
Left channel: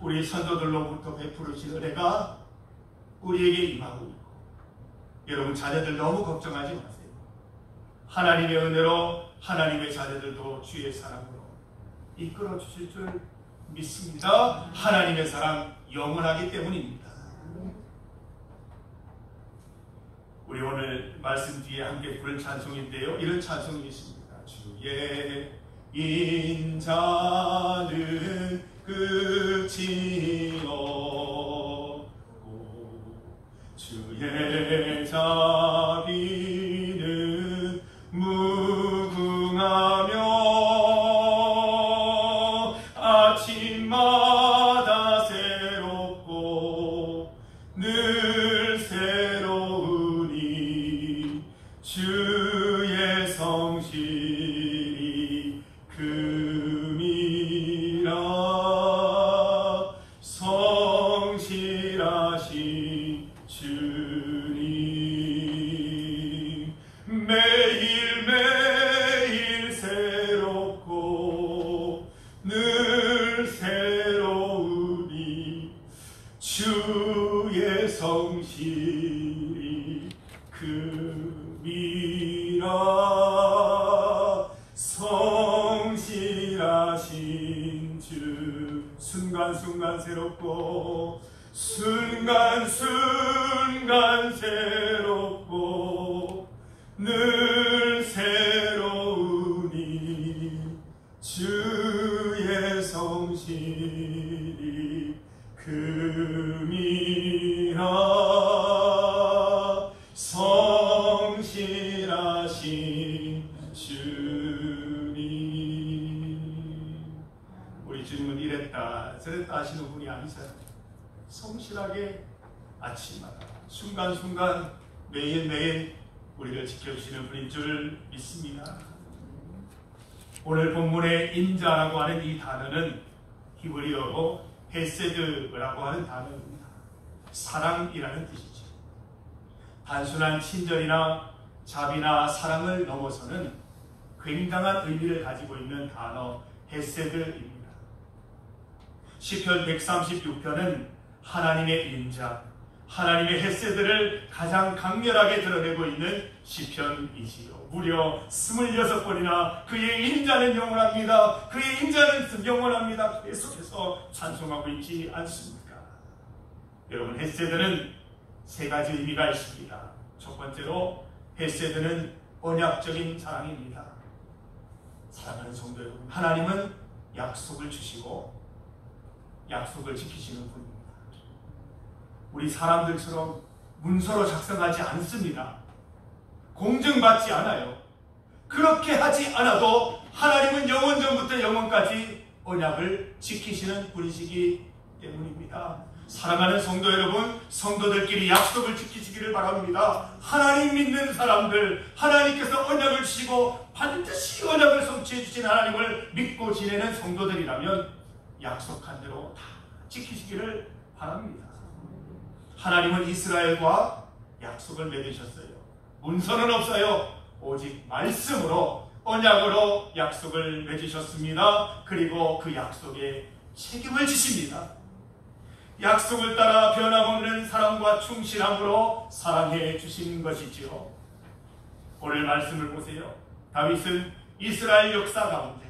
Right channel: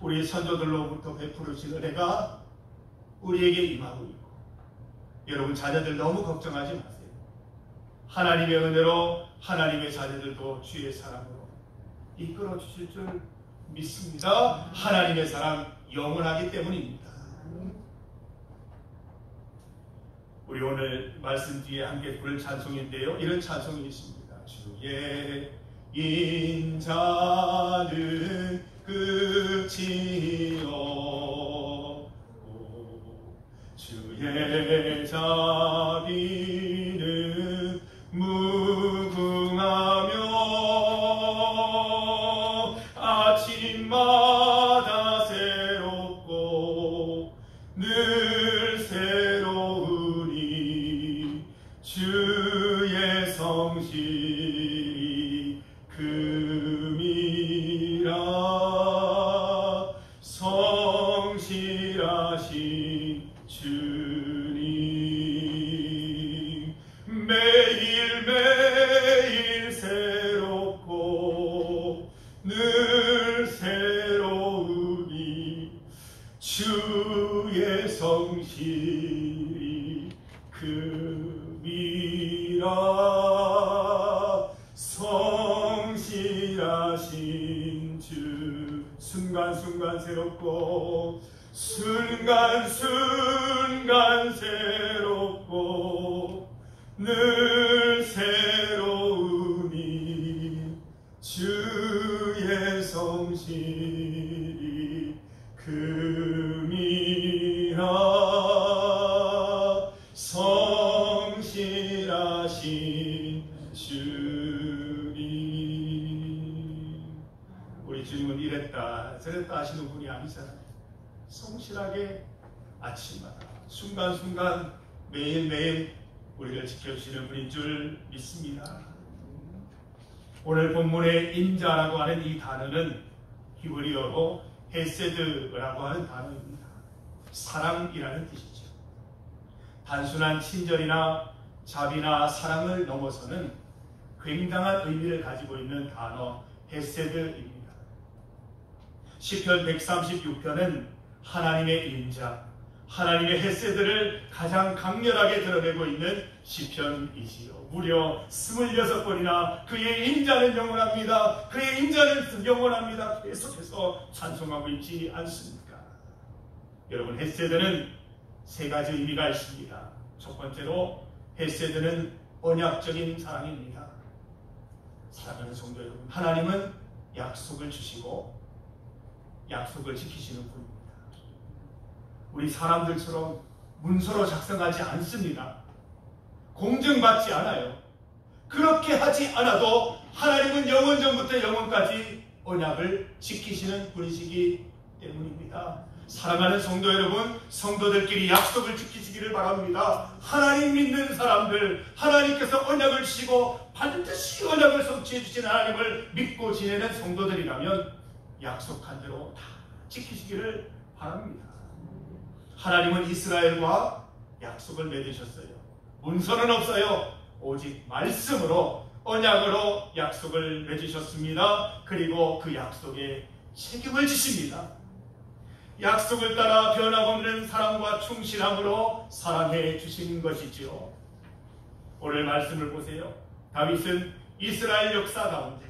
우리 선조들로부터 베풀으신 은혜가 우리에게 임하고 있고, 여러분 자녀들 너무 걱정하지 마세요. 하나님의 은혜로 하나님의 자녀들도 주의 사랑으로 이끌어 주실 줄 믿습니다. 하나님의 사랑 영원하기 때문입니다. 우리 오늘 말씀 뒤에 함께 부를 찬송인데요. 이런 찬송이 있습니다. 주의 인자는 끝이 없고 주의 자비는 무궁하며 아침마다 새롭고 늘 새로우니 주의 성실이 금이라 성실하신 주님 매일매일 새롭고 늘 새로우니 주의 성실이 금이라 성실하신 주 순간순간 새롭고 순간순간 새롭고 늘 새로우니 주의 성실이 금이라 성실하신 주님. 우리 주님은 이랬다 저랬다 하시는 분이 아니잖아요. 성실하게 아침마다 순간순간 매일매일 우리를 지켜주시는 분인 줄 믿습니다. 오늘 본문의 인자라고 하는 이 단어는 히브리어로 헤세드라고 하는 단어입니다. 사랑이라는 뜻이죠. 단순한 친절이나 자비나 사랑을 넘어서는 굉장한 의미를 가지고 있는 단어 헤세드입니다. 시편 136편은 하나님의 인자, 하나님의 헤세드를 가장 강렬하게 드러내고 있는 시편이지요. 무려 26번이나 그의 인자는 영원합니다. 그의 인자는 영원합니다. 계속해서 찬송하고 있지 않습니까? 여러분, 헤세드는 세 가지 의미가 있습니다. 첫 번째로 헤세드는 언약적인 사랑입니다. 사랑하는 성도 여러분, 하나님은 약속을 주시고 약속을 지키시는 분입니다. 우리 사람들처럼 문서로 작성하지 않습니다. 공증받지 않아요. 그렇게 하지 않아도 하나님은 영원전부터 영원까지 언약을 지키시는 분이시기 때문입니다. 사랑하는 성도 여러분, 성도들끼리 약속을 지키시기를 바랍니다. 하나님 믿는 사람들, 하나님께서 언약을 주시고 반드시 언약을 성취해 주신 하나님을 믿고 지내는 성도들이라면 약속한 대로 다 지키시기를 바랍니다. 하나님은 이스라엘과 약속을 맺으셨어요. 문서는 없어요. 오직 말씀으로 언약으로 약속을 맺으셨습니다. 그리고 그 약속에 책임을 지십니다. 약속을 따라 변함없는 사랑과 충실함으로 사랑해 주시는 것이지요. 오늘 말씀을 보세요. 다윗은 이스라엘 역사 가운데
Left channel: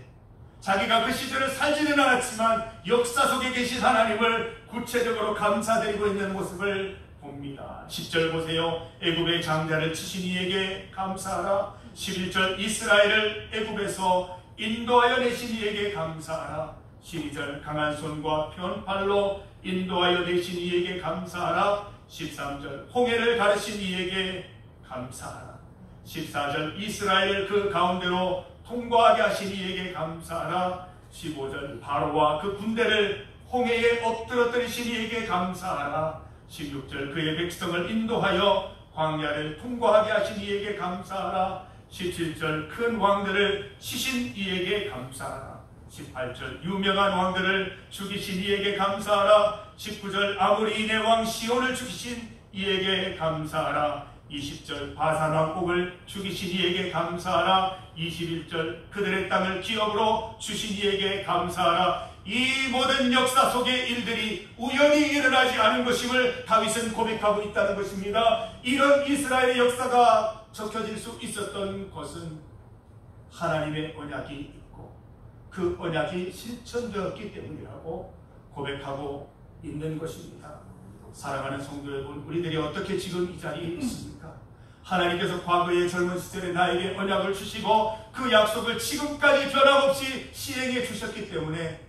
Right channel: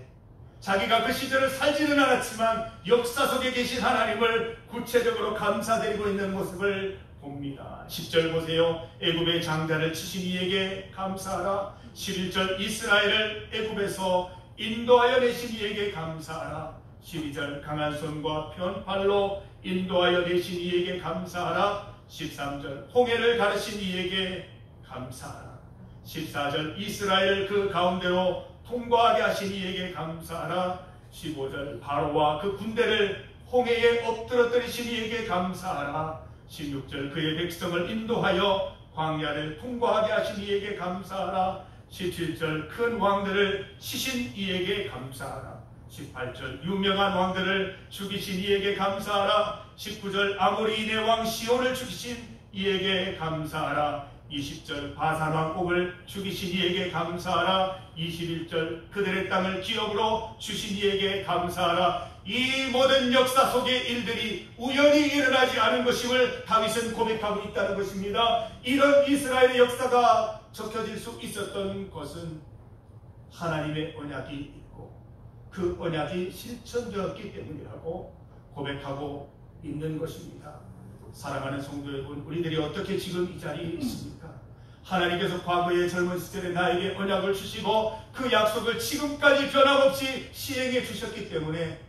자기가 그 시절을 살지는 않았지만 역사 속에 계신 하나님을 구체적으로 감사드리고 있는 모습을 봅니다. 10절 보세요. 애굽의 장자를 치신 이에게 감사하라. 11절 이스라엘을 애굽에서 인도하여 내신 이에게 감사하라. 12절 강한 손과 편팔로 인도하여 내신 이에게 감사하라. 13절 홍해를 가르신 이에게 감사하라. 14절 이스라엘을 그 가운데로 통과하게 하신 이에게 감사하라. 15절 바로와 그 군대를 홍해에 엎드러뜨리신 이에게 감사하라. 16절 그의 백성을 인도하여 광야를 통과하게 하신 이에게 감사하라. 17절 큰 왕들을 치신 이에게 감사하라. 18절 유명한 왕들을 죽이신 이에게 감사하라. 19절 아무리 내 왕 시온을 죽이신 이에게 감사하라. 20절 바산 왕국을 죽이신 이에게 감사하라. 21절 그들의 땅을 기업으로 주신 이에게 감사하라. 이 모든 역사 속의 일들이 우연히 일어나지 않은 것임을 다윗은 고백하고 있다는 것입니다. 이런 이스라엘의 역사가 적혀질 수 있었던 것은 하나님의 언약이 있고 그 언약이 실천되었기 때문이라고 고백하고 있는 것입니다. 사랑하는 성도 여러분, 우리들이 어떻게 지금 이 자리에 있습니까? 하나님께서 과거의 젊은 시절에 나에게 언약을 주시고 그 약속을 지금까지 변함없이 시행해 주셨기 때문에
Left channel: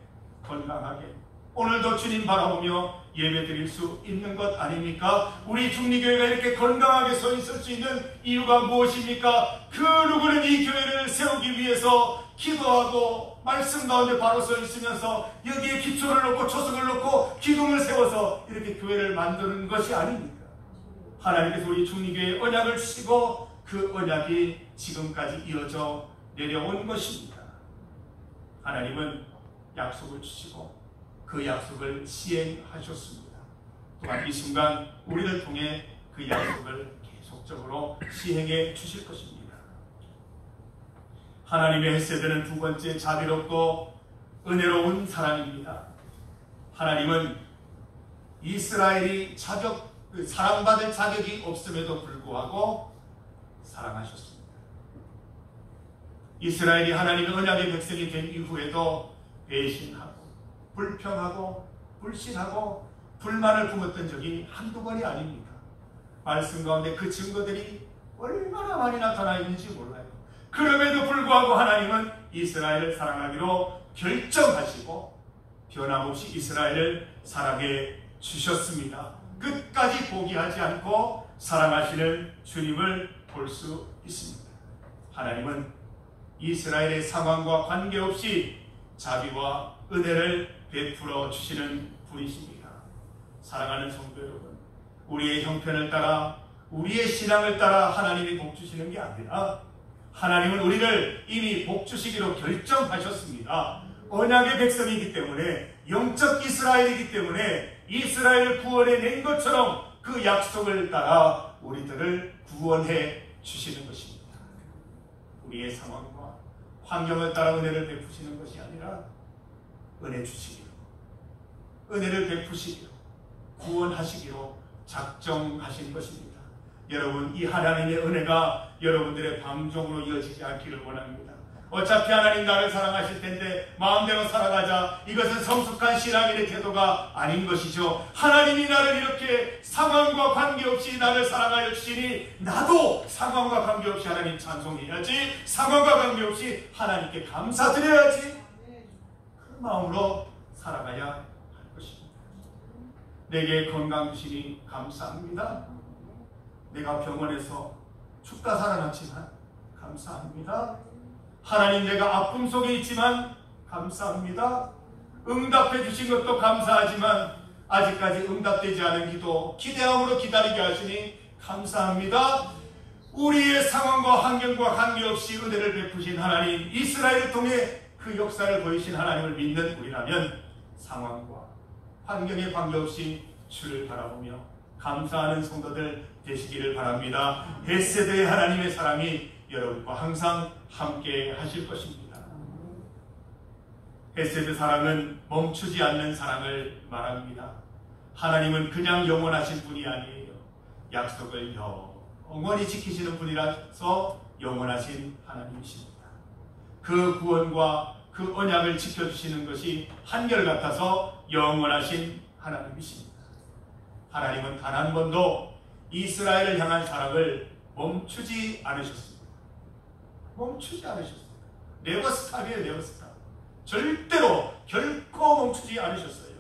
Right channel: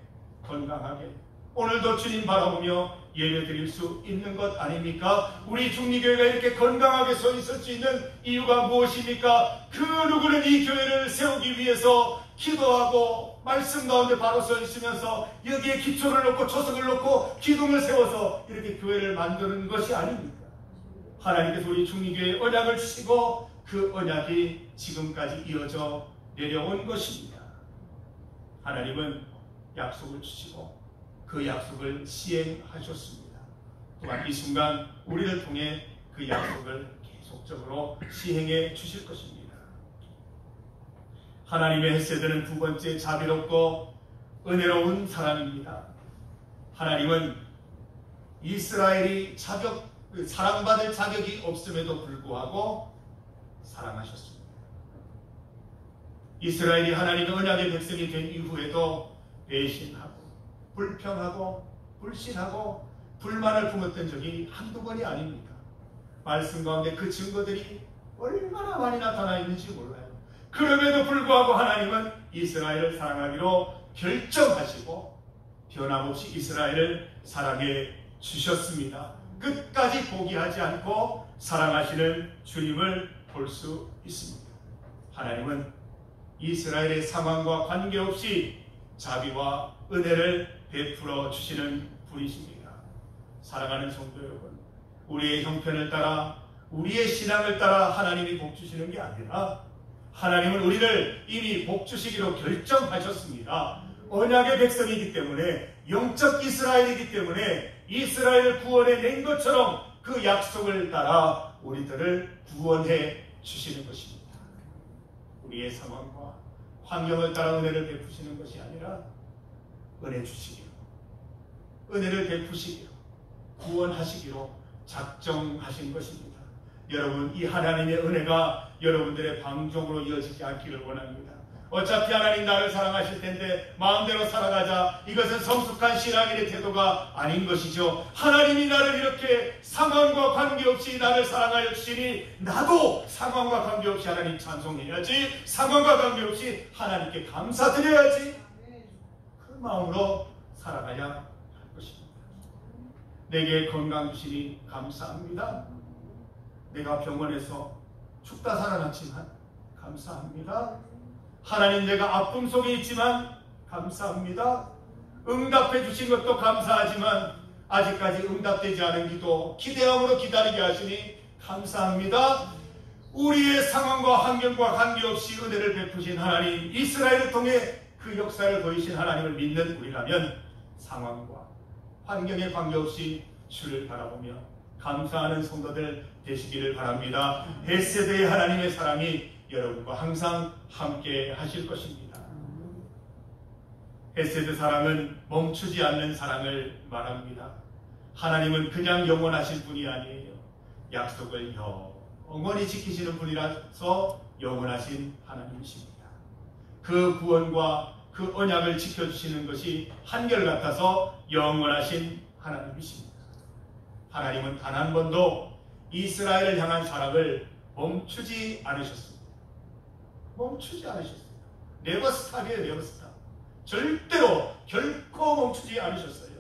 건강하게 오늘도 주님 바라보며 예배드릴 수 있는 것 아닙니까? 우리 중리교회가 이렇게 건강하게 서 있을 수 있는 이유가 무엇입니까? 그 누구는 이 교회를 세우기 위해서 기도하고 말씀 가운데 바로 서 있으면서 여기에 기초를 놓고 초석을 놓고 기둥을 세워서 이렇게 교회를 만드는 것이 아닙니까? 하나님께서 우리 중리교회에 언약을 주시고 그 언약이 지금까지 이어져 내려온 것입니다. 하나님은 약속을 주시고 그 약속을 시행하셨습니다. 또한 이 순간 우리를 통해 그 약속을 계속적으로 시행해 주실 것입니다. 하나님의 헤세드는 두 번째 자비롭고 은혜로운 사랑입니다. 하나님은 이스라엘이 사랑받을 자격이 없음에도 불구하고 사랑하셨습니다. 이스라엘이 하나님의 언약의 백성이 된 이후에도 배신하고 불평하고 불신하고 불만을 품었던 적이 한두 번이 아닙니다. 말씀 가운데 그 증거들이 얼마나 많이 나타나 있는지 몰라요. 그럼에도 불구하고 하나님은 이스라엘을 사랑하기로 결정하시고 변함없이 이스라엘을 사랑해 주셨습니다. 끝까지 포기하지 않고 사랑하시는 주님을 볼 수 있습니다. 하나님은 이스라엘의 상황과 관계없이 자비와 은혜를 베풀어 주시는 분이십니다. 사랑하는 성도 여러분, 우리의 형편을 따라 우리의 신앙을 따라 하나님이 복 주시는 게 아니라 하나님은 우리를 이미 복 주시기로 결정하셨습니다. 언약의 백성이기 때문에 영적 이스라엘이기 때문에 이스라엘을 구원해 낸 것처럼 그 약속을 따라 우리들을 구원해 주시는 것입니다. 우리의 상황과 환경을 따라 은혜를 베푸시는 것이 아니라 은혜 주시기로, 은혜를 베푸시기로, 구원하시기로 작정하신 것입니다. 여러분, 이 하나님의 은혜가 여러분들의 방종으로 이어지지 않기를 원합니다. 어차피 하나님 나를 사랑하실 텐데 마음대로 살아가자, 이것은 성숙한 신앙인의 태도가 아닌 것이죠. 하나님이 나를 이렇게 상황과 관계없이 나를 사랑하여 주시니 나도 상황과 관계없이 하나님 찬송해야지, 상황과 관계없이 하나님께 감사드려야지, 그 마음으로 살아가야 할 것입니다. 내게 건강 주시니 감사합니다. 내가 병원에서 죽다 살아났지만 감사합니다. 하나님, 내가 아픔 속에 있지만 감사합니다. 응답해 주신 것도 감사하지만 아직까지 응답되지 않은 기도 기대함으로 기다리게 하시니 감사합니다. 우리의 상황과 환경과 관계없이 은혜를 베푸신 하나님, 이스라엘을 통해 그 역사를 보이신 하나님을 믿는 우리라면 상황과 환경에 관계없이 주를 바라보며 감사하는 성도들 되시기를 바랍니다. 벳세더의 하나님의 사랑이 여러분과 항상 함께 하실 것입니다. 벳세더 사랑은 멈추지 않는 사랑을 말합니다. 하나님은 그냥 영원하신 분이 아니에요. 약속을 영원히 지키시는 분이라서 영원하신 하나님이십니다. 그 구원과 그 언약을 지켜주시는 것이 한결같아서 영원하신 하나님이십니다. 하나님은 단 한 번도 이스라엘을 향한 사랑을 멈추지 않으셨습니다. 멈추지 않으셨습니다. 네버스탑이에요, 네버스탑. 절대로 결코 멈추지 않으셨어요.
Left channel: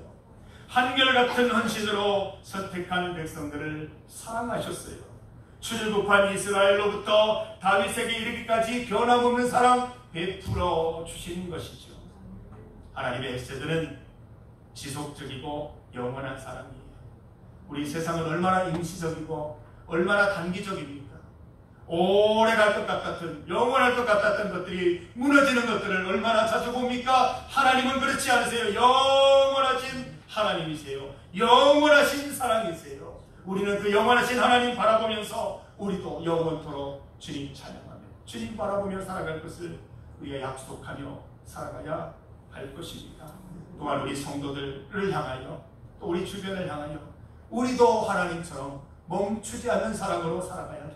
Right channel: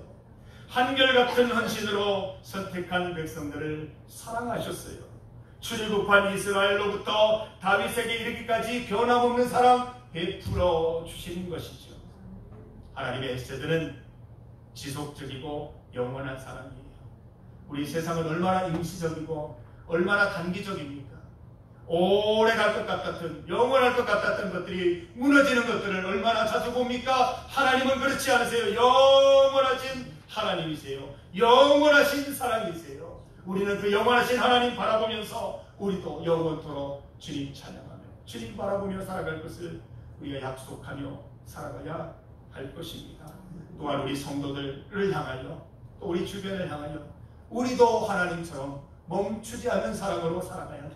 한결같은 헌신으로 선택한 백성들을 사랑하셨어요. 출애굽한 이스라엘로부터 다윗에게 이르기까지 변함없는 사랑 베풀어 주시는 것이죠. 하나님의 엑세드는 지속적이고 영원한 사랑이에요. 우리 세상은 얼마나 임시적이고 얼마나 단기적입니까? 오래 갈 것 같았던, 영원할 것 같았던 것들이 무너지는 것들을 얼마나 자주 봅니까? 하나님은 그렇지 않으세요. 영원하신 하나님이세요. 영원하신 사랑이세요. 우리는 그 영원하신 하나님 바라보면서 우리도 영원토록 주님 찬양하며 주님 바라보며 살아갈 것을 우리가 약속하며 살아가야 할 것입니다. 또한 우리 성도들을 향하여, 또 우리 주변을 향하여 우리도 하나님처럼 멈추지 않는 사랑으로 살아가야 됩니다.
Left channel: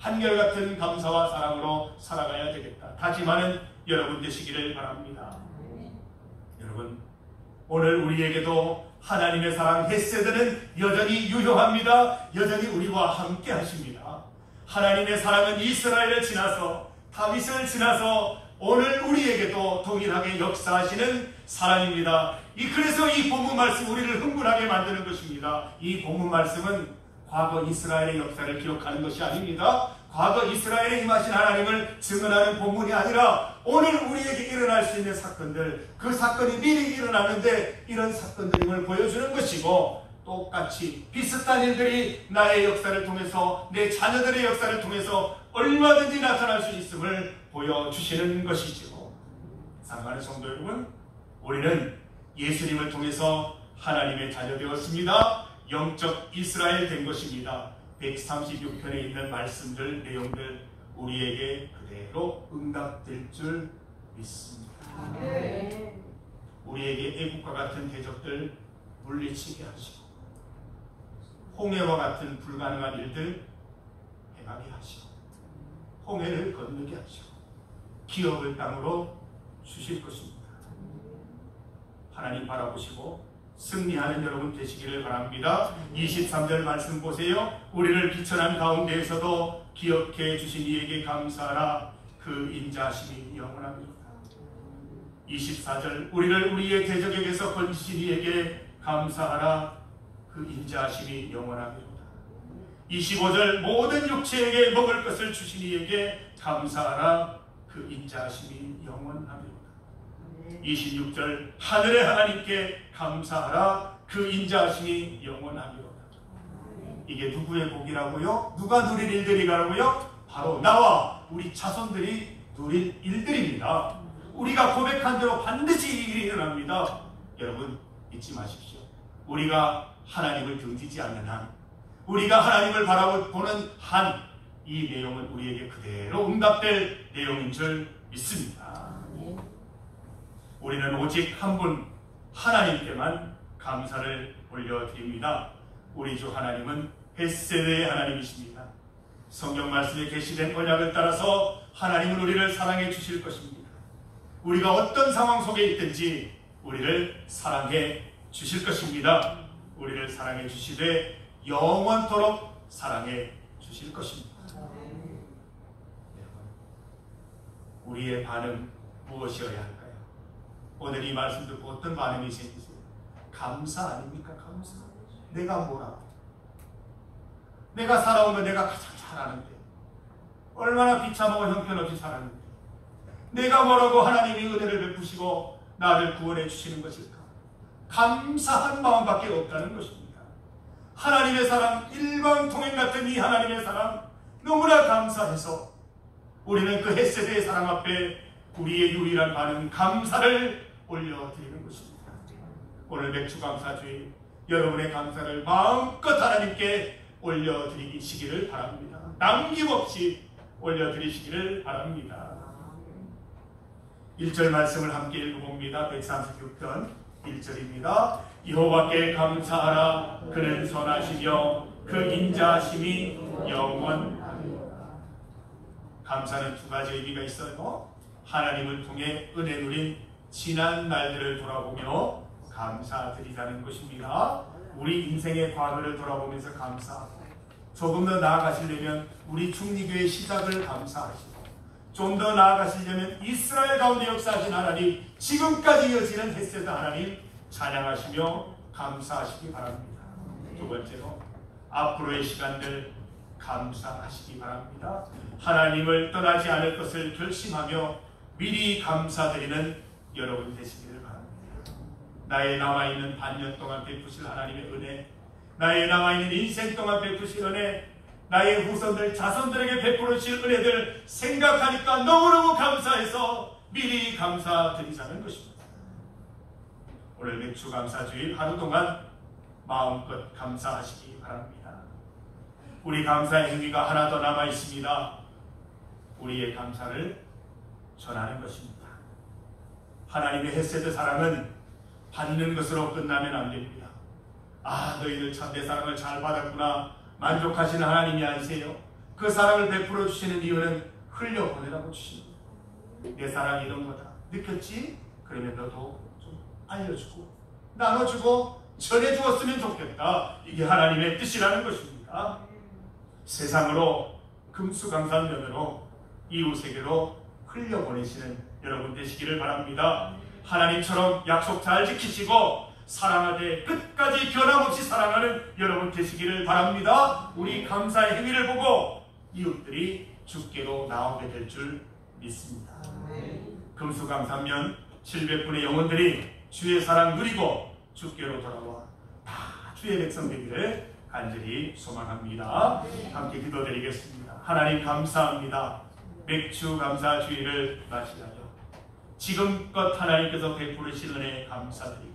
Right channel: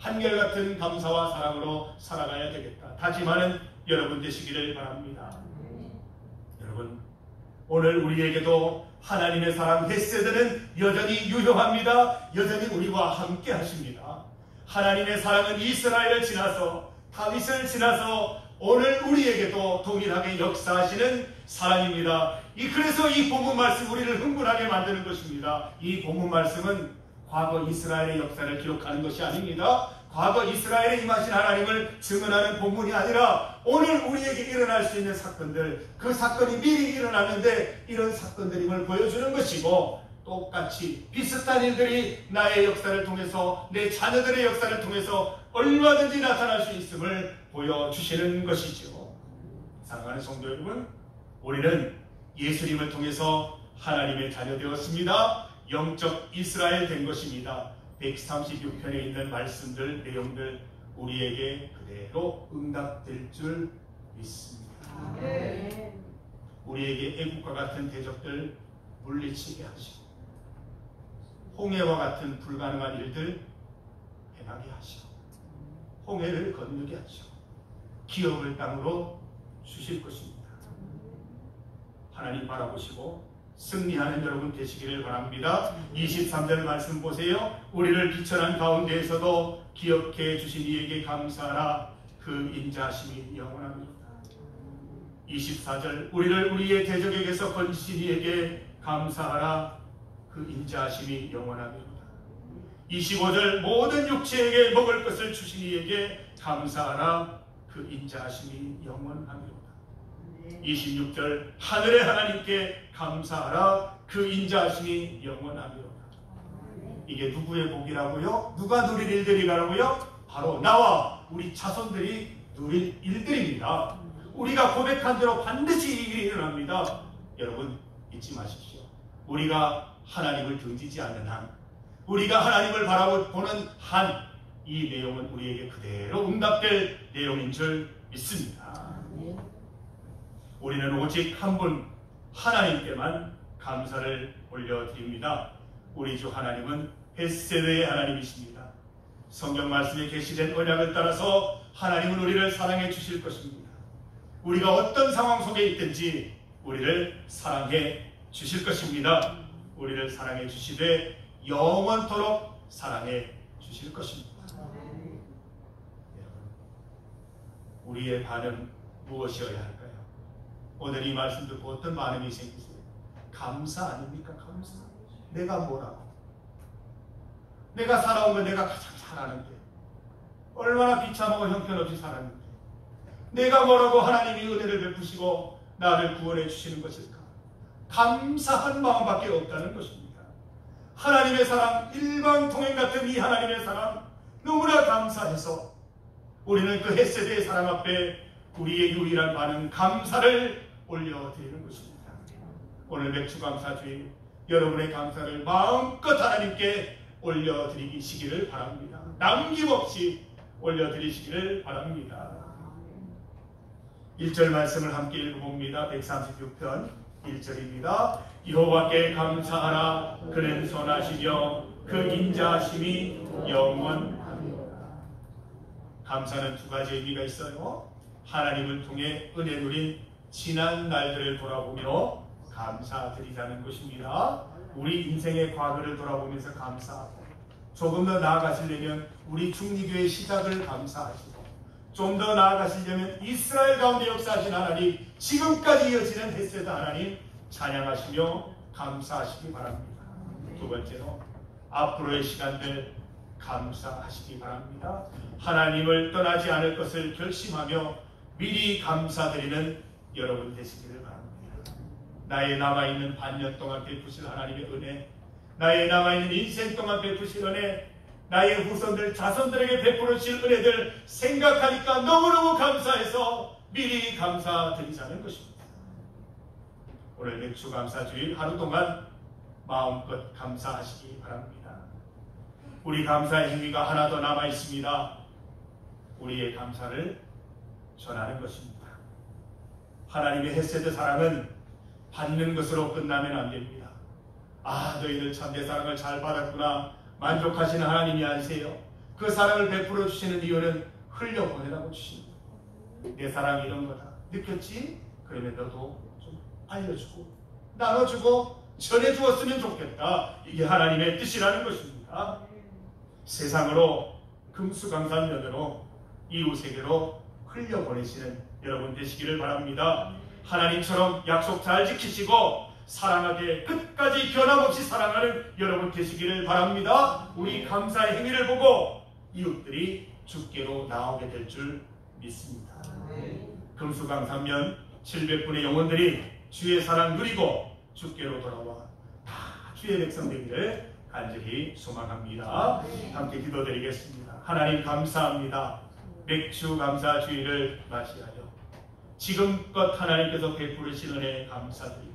한결같은 감사와 사랑으로 살아가야 되겠다. 다짐하는 여러분 되시기를 바랍니다. 여러분, 오늘 우리에게도 하나님의 사랑 벳세더는 여전히 유효합니다. 여전히 우리와 함께 하십니다. 하나님의 사랑은 이스라엘을 지나서 다윗을 지나서 오늘 우리에게도 동일하게 역사하시는 사랑입니다. 그래서 이 본문 말씀 우리를 흥분하게 만드는 것입니다. 이 본문 말씀은 과거 이스라엘의 역사를 기록하는 것이 아닙니다. 과거 이스라엘에 임하신 하나님을 증언하는 본문이 아니라 오늘 우리에게 일어날 수 있는 사건들, 그 사건이 미리 일어나는데 이런 사건들임을 보여주는 것이고, 똑같이 비슷한 일들이 나의 역사를 통해서, 내 자녀들의 역사를 통해서 얼마든지 나타날 수 있음을 보여주시는 것이죠. 사랑하는 성도 여러분, 우리는 예수님을 통해서 하나님의 자녀 되었습니다. 영적 이스라엘 된 것입니다. 136편에 있는 말씀들, 내용들 우리에게 그대로 응답될 줄 믿습니다. 우리에게 애국과 같은 대적들 물리치게 하시고, 홍해와 같은 불가능한 일들 행하게 하시고, 홍해를 건너게 하시고, 기업을 땅으로 주실 것입니다. 하나님 바라보시고 승리하는 여러분 되시기를 바랍니다. 23절 말씀 보세요. 우리를 비천한 가운데에서도 기억해 주신 이에게 감사하라. 그 인자하심이 영원합니다. 24절 우리를 우리의 대적에게서 건지신 이에게 감사하라. 그 인자하심이 영원합니다. 25절 모든 육체에게 먹을 것을 주신 이에게 감사하라. 그 인자하심이 영원합니다. 26절 하늘의 하나님께 감사하라. 그 인자하심이 영원하리로다. 이게 누구의 복이라고요? 누가 누릴 일들이라고요? 바로 나와 우리 자손들이 누릴 일들입니다. 우리가 고백한 대로 반드시 이 일이 일어납니다. 여러분 잊지 마십시오. 우리가 하나님을 등지지 않는 한, 우리가 하나님을 바라보는 한, 이 내용은 우리에게 그대로 응답될 내용인 줄 믿습니다. 우리는 오직 한 분 하나님께만 감사를 올려드립니다. 우리 주 하나님은 벳세드의 하나님이십니다. 성경 말씀에 계시된 언약을 따라서 하나님은 우리를 사랑해 주실 것입니다. 우리가 어떤 상황 속에 있든지 우리를 사랑해 주실 것입니다. 우리를 사랑해 주시되 영원토록 사랑해 주실 것입니다. 우리의 반응 무엇이어야 할까요? 오늘 이 말씀 듣고 어떤 반응이 생기세요? 감사 아닙니까? 감사. 내가 뭐라고? 내가 살아오면 내가 가장 잘하는데, 얼마나 비참하고 형편없이 살았는데, 내가 뭐라고 하나님이 은혜를 베푸시고 나를 구원해 주시는 것일까? 감사한 마음밖에 없다는 것입니다. 하나님의 사랑, 일방통행 같은 이 하나님의 사랑 너무나 감사해서 우리는 그 헷세대의 사랑 앞에 우리의 유일한 반응 감사를 올려드리는 것입니다. 오늘 맥주감사주일 여러분의 감사를 마음껏 하나님께 올려드리시기를 바랍니다. 남김없이 올려드리시기를 바랍니다. 1절 말씀을 함께 읽어봅니다. 136편 1절입니다. 여호와께 감사하라. 그는 선하시며 그 인자하심이 영원하리로다. 감사는 두 가지 의미가 있어요. 하나님을 통해 은혜 누린 지난 날들을 돌아보며 감사드리자는 것입니다. 우리 인생의 과거를 돌아보면서 감사하고, 조금 더 나아가시려면 우리 중리교의 시작을 감사하시고, 좀 더 나아가시려면 이스라엘 가운데 역사하신 하나님, 지금까지 이어지는 헷세드 하나님 찬양하시며 감사하시기 바랍니다. 두 번째로 앞으로의 시간들 감사하시기 바랍니다. 하나님을 떠나지 않을 것을 결심하며 미리 감사드리는 여러분 되시기를 바랍니다. 나의 남아있는 반년 동안 베푸실 하나님의 은혜, 나의 남아있는 인생 동안 베푸실 은혜, 나의 후손들, 자손들에게 베풀어 주실 은혜들 생각하니까 너무너무 감사해서 미리 감사드리자는 것입니다. 오늘 맥주감사주일 하루 동안 마음껏 감사하시기 바랍니다. 우리 감사의 행위가 하나 더 남아 있습니다. 우리의 감사를 전하는 것입니다. 하나님의 헷세드 사랑은 받는 것으로 끝나면 안 됩니다. 아, 너희들 참 내 사랑을 잘 받았구나, 만족하시는 하나님이 아니세요. 그 사랑을 베풀어 주시는 이유는 흘려보내라고 주십니다. 내 사랑이 이런 거다, 느꼈지? 그러면 너도 좀 알려주고 나눠주고 전해주었으면 좋겠다. 이게 하나님의 뜻이라는 것입니다. 세상으로 금수강산면으로 이웃에게로 흘려보내시는 여러분 되시기를 바랍니다. 하나님처럼 약속 잘 지키시고 사랑하되 끝까지 변함없이 사랑하는 여러분 되시기를 바랍니다. 우리 감사의 행위를 보고 이웃들이 주께로 나오게 될 줄 믿습니다. 금수강산면 700분의 영혼들이 주의 사랑 누리고 주께로 돌아와 다 주의 백성 되기를 간절히 소망합니다. 함께 기도드리겠습니다. 하나님 감사합니다. 맥주 감사 주의를 맞이하여 지금껏 하나님께서 베푸르신 은혜 감사드리고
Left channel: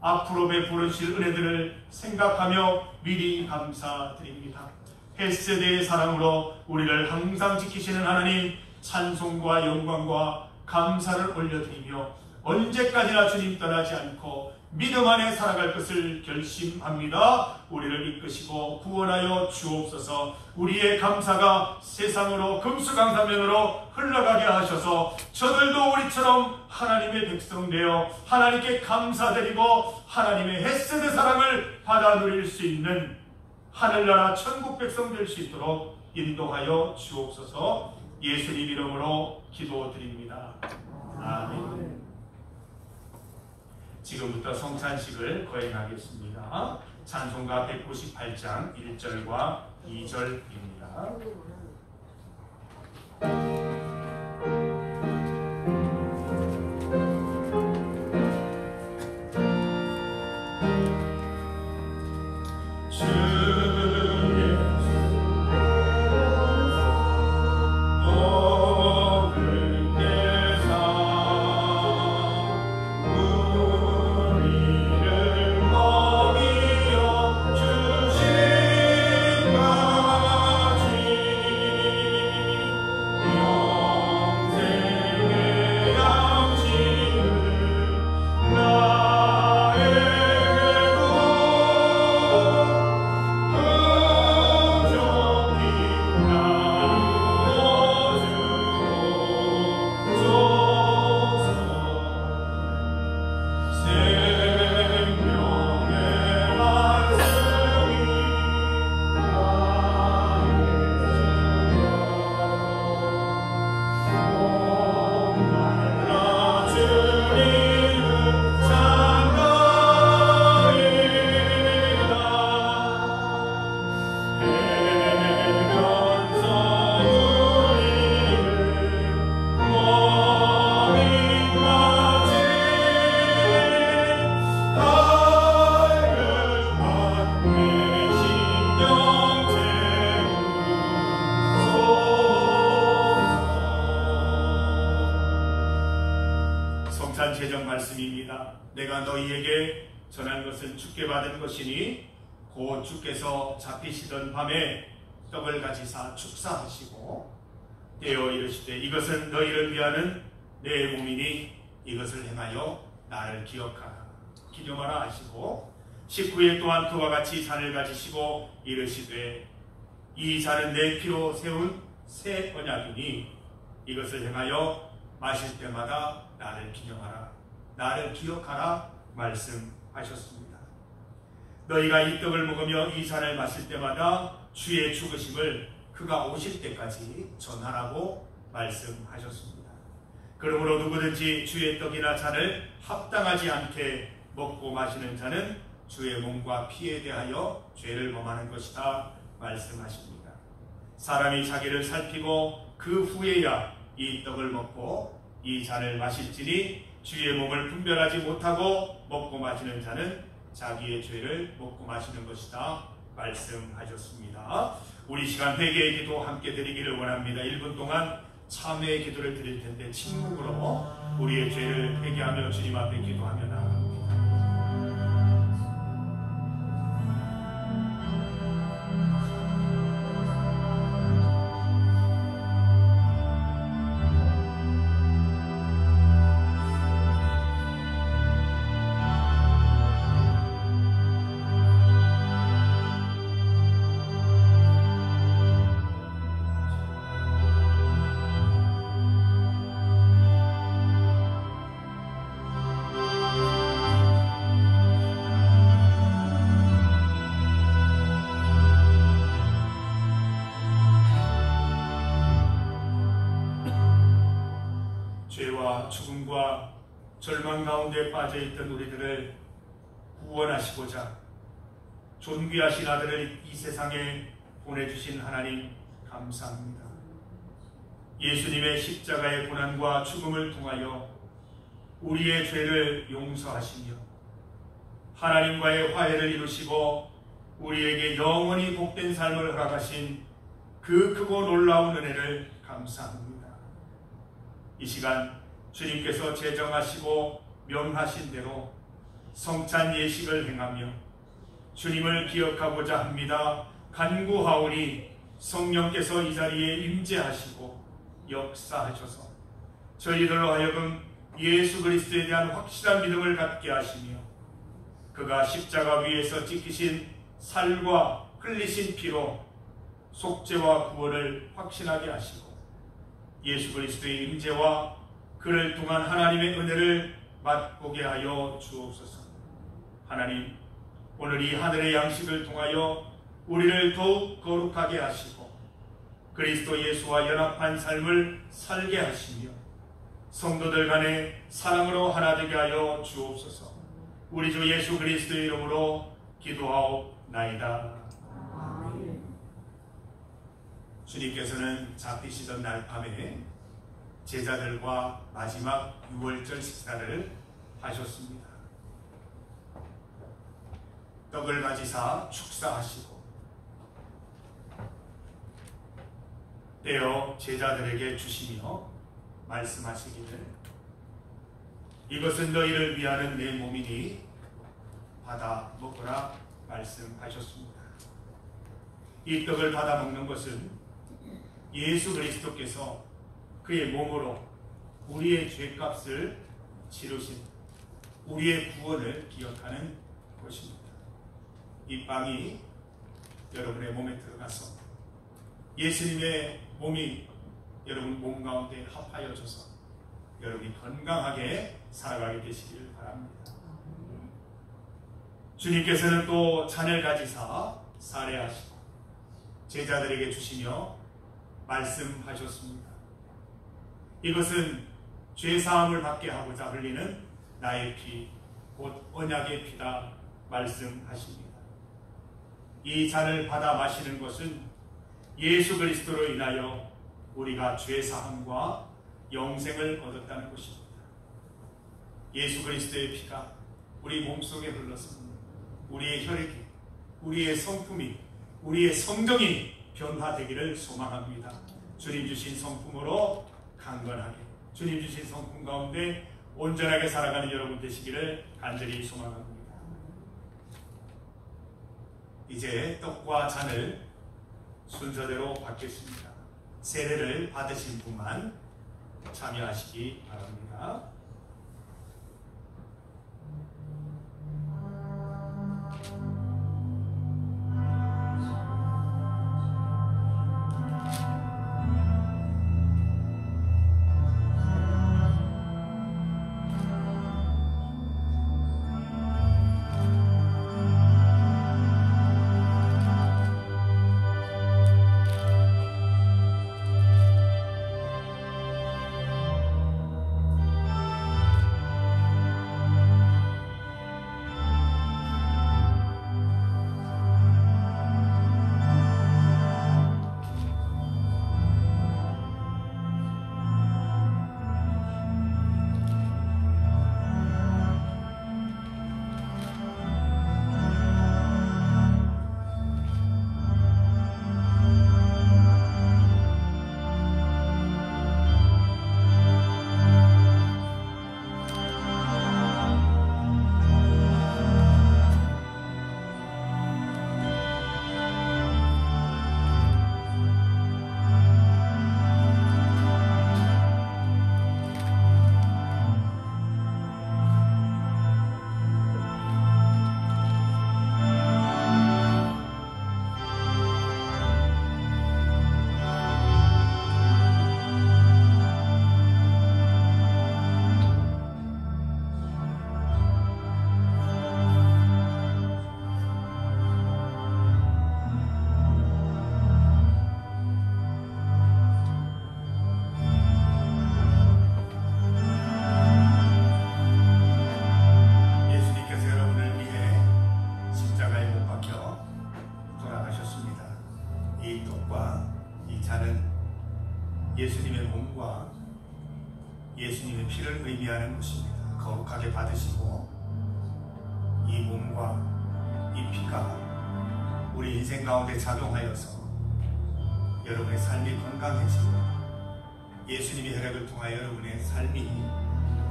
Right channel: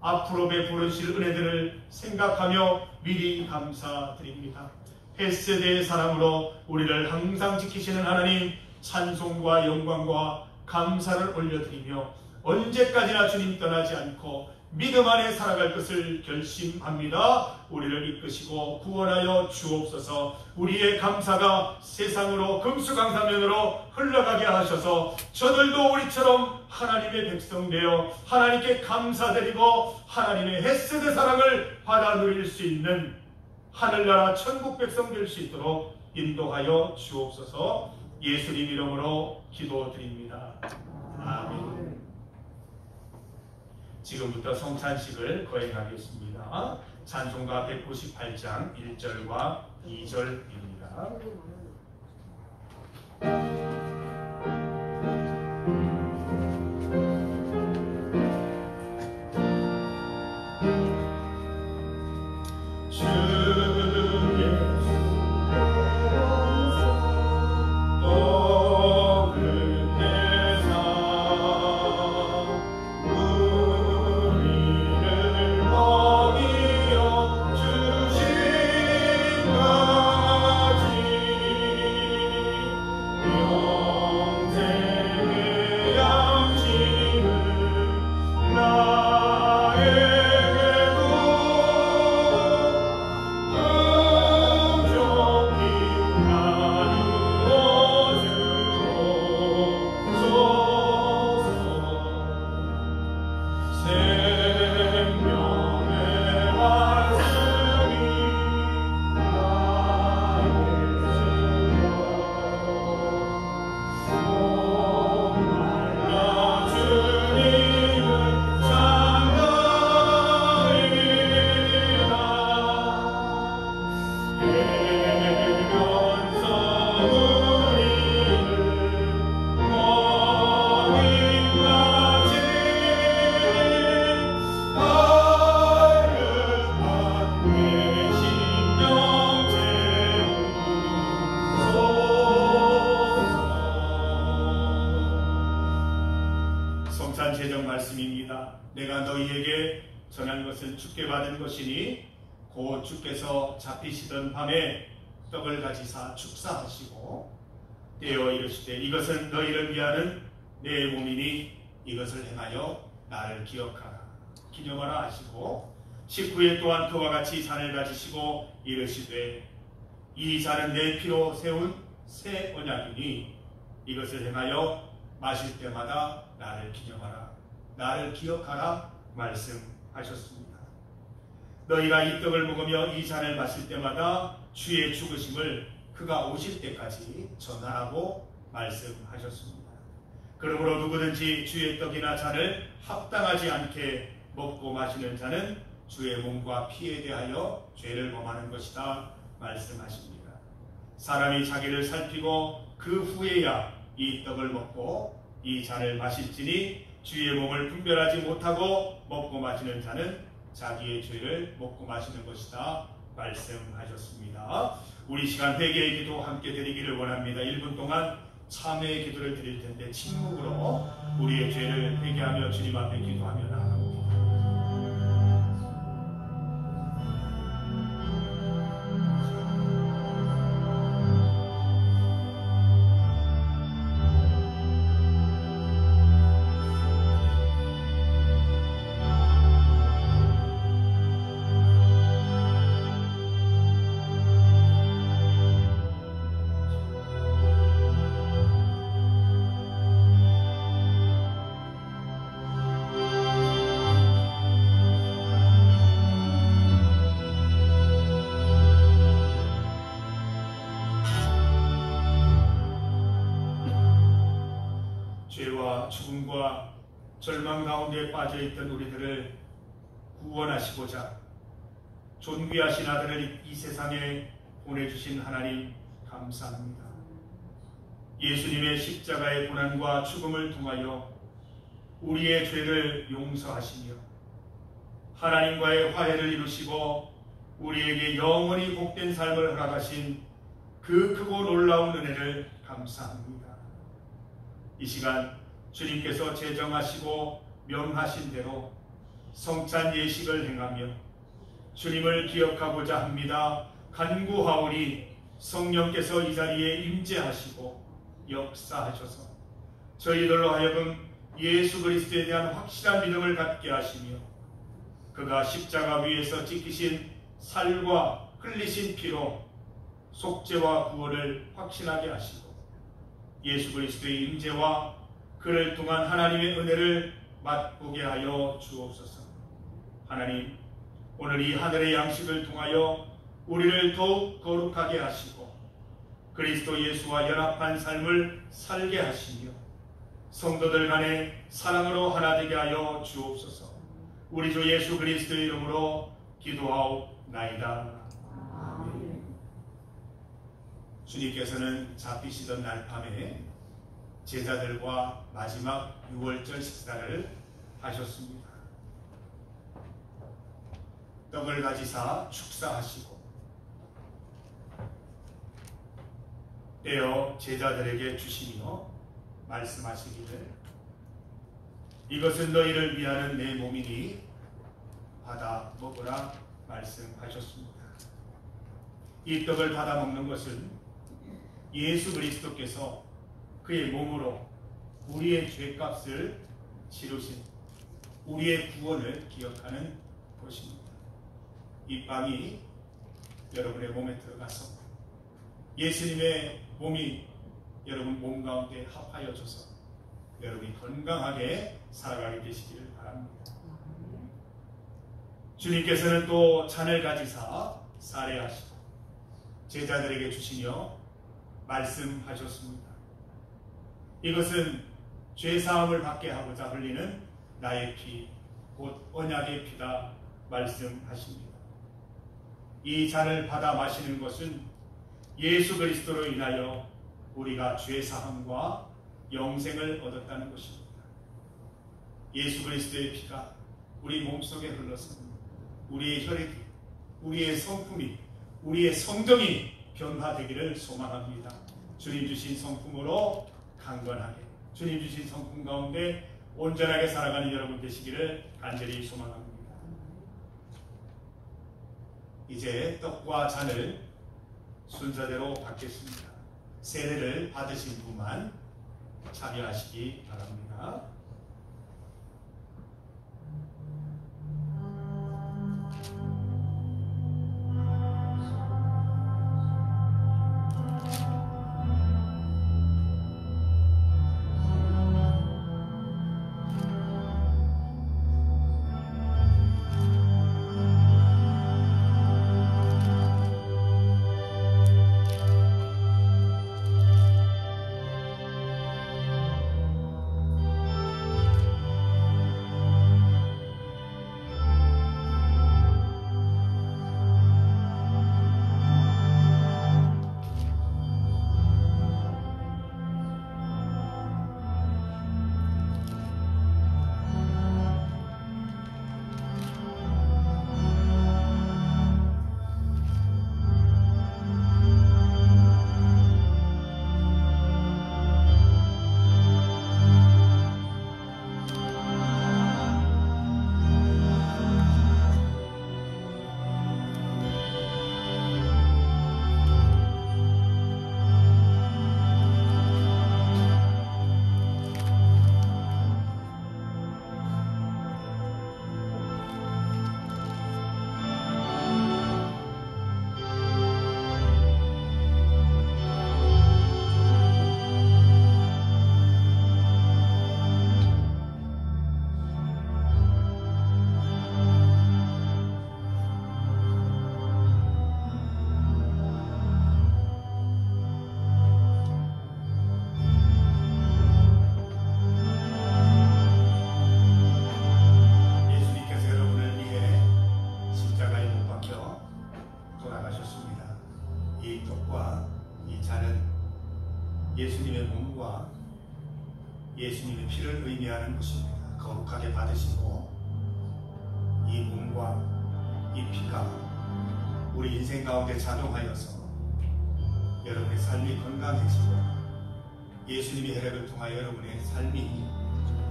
앞으로 베푸르실 은혜들을 생각하며 미리 감사드립니다. 헬세대의 사랑으로 우리를 항상 지키시는 하나님 찬송과 영광과 감사를 올려드리며 언제까지나 주님 떠나지 않고 믿음 안에 살아갈 것을 결심합니다. 우리를 이끄시고 구원하여 주옵소서. 우리의 감사가 세상으로 금수강산면으로 흘러가게 하셔서 저들도 우리처럼 하나님의 백성 되어 하나님께 감사드리고 하나님의 햇세대 사랑을 받아 누릴 수 있는 하늘나라 천국 백성 될 수 있도록 인도하여 주옵소서. 예수님 이름으로 기도드립니다. 아멘. 지금부터 성찬식을 거행하겠습니다. 찬송가 198장 1절과 2절입니다. 내가 너희에게 전한 것은 주께 받은 것이니 곧 주께서 잡히시던 밤에 떡을 가지사 축사하시고 떼어 이르시되 이것은 너희를 위하는 내 몸이니 이것을 행하여 나를 기념하라 하시고 19일 또한 그와 같이 잔을 가지시고 이르시되 이 잔은 내 피로 세운 새 언약이니 이것을 행하여 마실 때마다 나를 기억하라 말씀하셨습니다. 너희가 이 떡을 먹으며 이 잔을 마실 때마다 주의 죽으심을 그가 오실 때까지 전하라고 말씀하셨습니다. 그러므로 누구든지 주의 떡이나 잔을 합당하지 않게 먹고 마시는 자는 주의 몸과 피에 대하여 죄를 범하는 것이다 말씀하십니다. 사람이 자기를 살피고 그 후에야 이 떡을 먹고 이 잔을 마실지니 주의 몸을 분별하지 못하고 먹고 마시는 자는 자기의 죄를 먹고 마시는 것이다 말씀하셨습니다. 우리 시간 회개의 기도 함께 드리기를 원합니다. 1분 동안 참회의 기도를 드릴 텐데 침묵으로 우리의 죄를 회개하며 주님 앞에 기도하며 나아갑니다. 고난과 죽음과 절망 가운데 빠져있던 우리들을 구원하시고자 존귀하신 아들을 이 세상에 보내주신 하나님 감사합니다. 예수님의 십자가의 고난과 죽음을 통하여 우리의 죄를 용서하시며 하나님과의 화해를 이루시고 우리에게 영원히 복된 삶을 허락하신 그 크고 놀라운 은혜를 감사합니다. 이 시간 주님께서 제정하시고 명하신 대로 성찬 예식을 행하며 주님을 기억하고자 합니다. 간구하오니 성령께서 이 자리에 임재하시고 역사하셔서 저희들로 하여금 예수 그리스도에 대한 확실한 믿음을 갖게 하시며 그가 십자가 위에서 지키신 살과 흘리신 피로 속죄와 구원을 확신하게 하시고 예수 그리스도의 임재와 그를 통한 하나님의 은혜를 맛보게 하여 주옵소서. 하나님, 오늘 이 하늘의 양식을 통하여 우리를 더욱 거룩하게 하시고 그리스도 예수와 연합한 삶을 살게 하시며 성도들 간의 사랑으로 하나 되게 하여 주옵소서. 우리 주 예수 그리스도의 이름으로 기도하옵나이다. 주님께서는 잡히시던 날 밤에 제자들과 마지막 6월절 식사를 하셨습니다. 떡을 가지사 축사하시고 떼어 제자들에게 주시며 말씀하시기를 이것은 너희를 위하는 내 몸이니 받아 먹으라 말씀하셨습니다. 이 떡을 받아 먹는 것은 예수 그리스도께서 그의 몸으로 우리의 죄값을 치르신 우리의 구원을 기억하는 것입니다. 이 빵이 여러분의 몸에 들어가서 예수님의 몸이 여러분 몸 가운데 합하여져서 여러분이 건강하게 살아가게 되시길 바랍니다. 주님께서는 또 잔을 가지사 살해하시고 제자들에게 주시며 말씀하셨습니다. 이것은 죄사함을 받게 하고자 흘리는 나의 피, 곧 언약의 피다 말씀하십니다. 이 잔을 받아 마시는 것은 예수 그리스도로 인하여 우리가 죄사함과 영생을 얻었다는 것입니다. 예수 그리스도의 피가 우리 몸속에 흘러서 우리의 혈액이, 우리의 성품이, 우리의 성정이 변화되기를 소망합니다. 주님 주신 성품으로 강건하게, 주님 주신 성품 가운데 온전하게 살아가는 여러분 되시기를 간절히 소망합니다. 이제 떡과 잔을 순서대로 받겠습니다. 세례를 받으신 분만 참여하시기 바랍니다. 살인하는 것입니다. 거룩하게 받으시고 이 몸과 이 피가 우리 인생 가운데 작용하여서 여러분의 삶이 건강해지고 예수님의 혈액을 통하여 여러분의 삶이,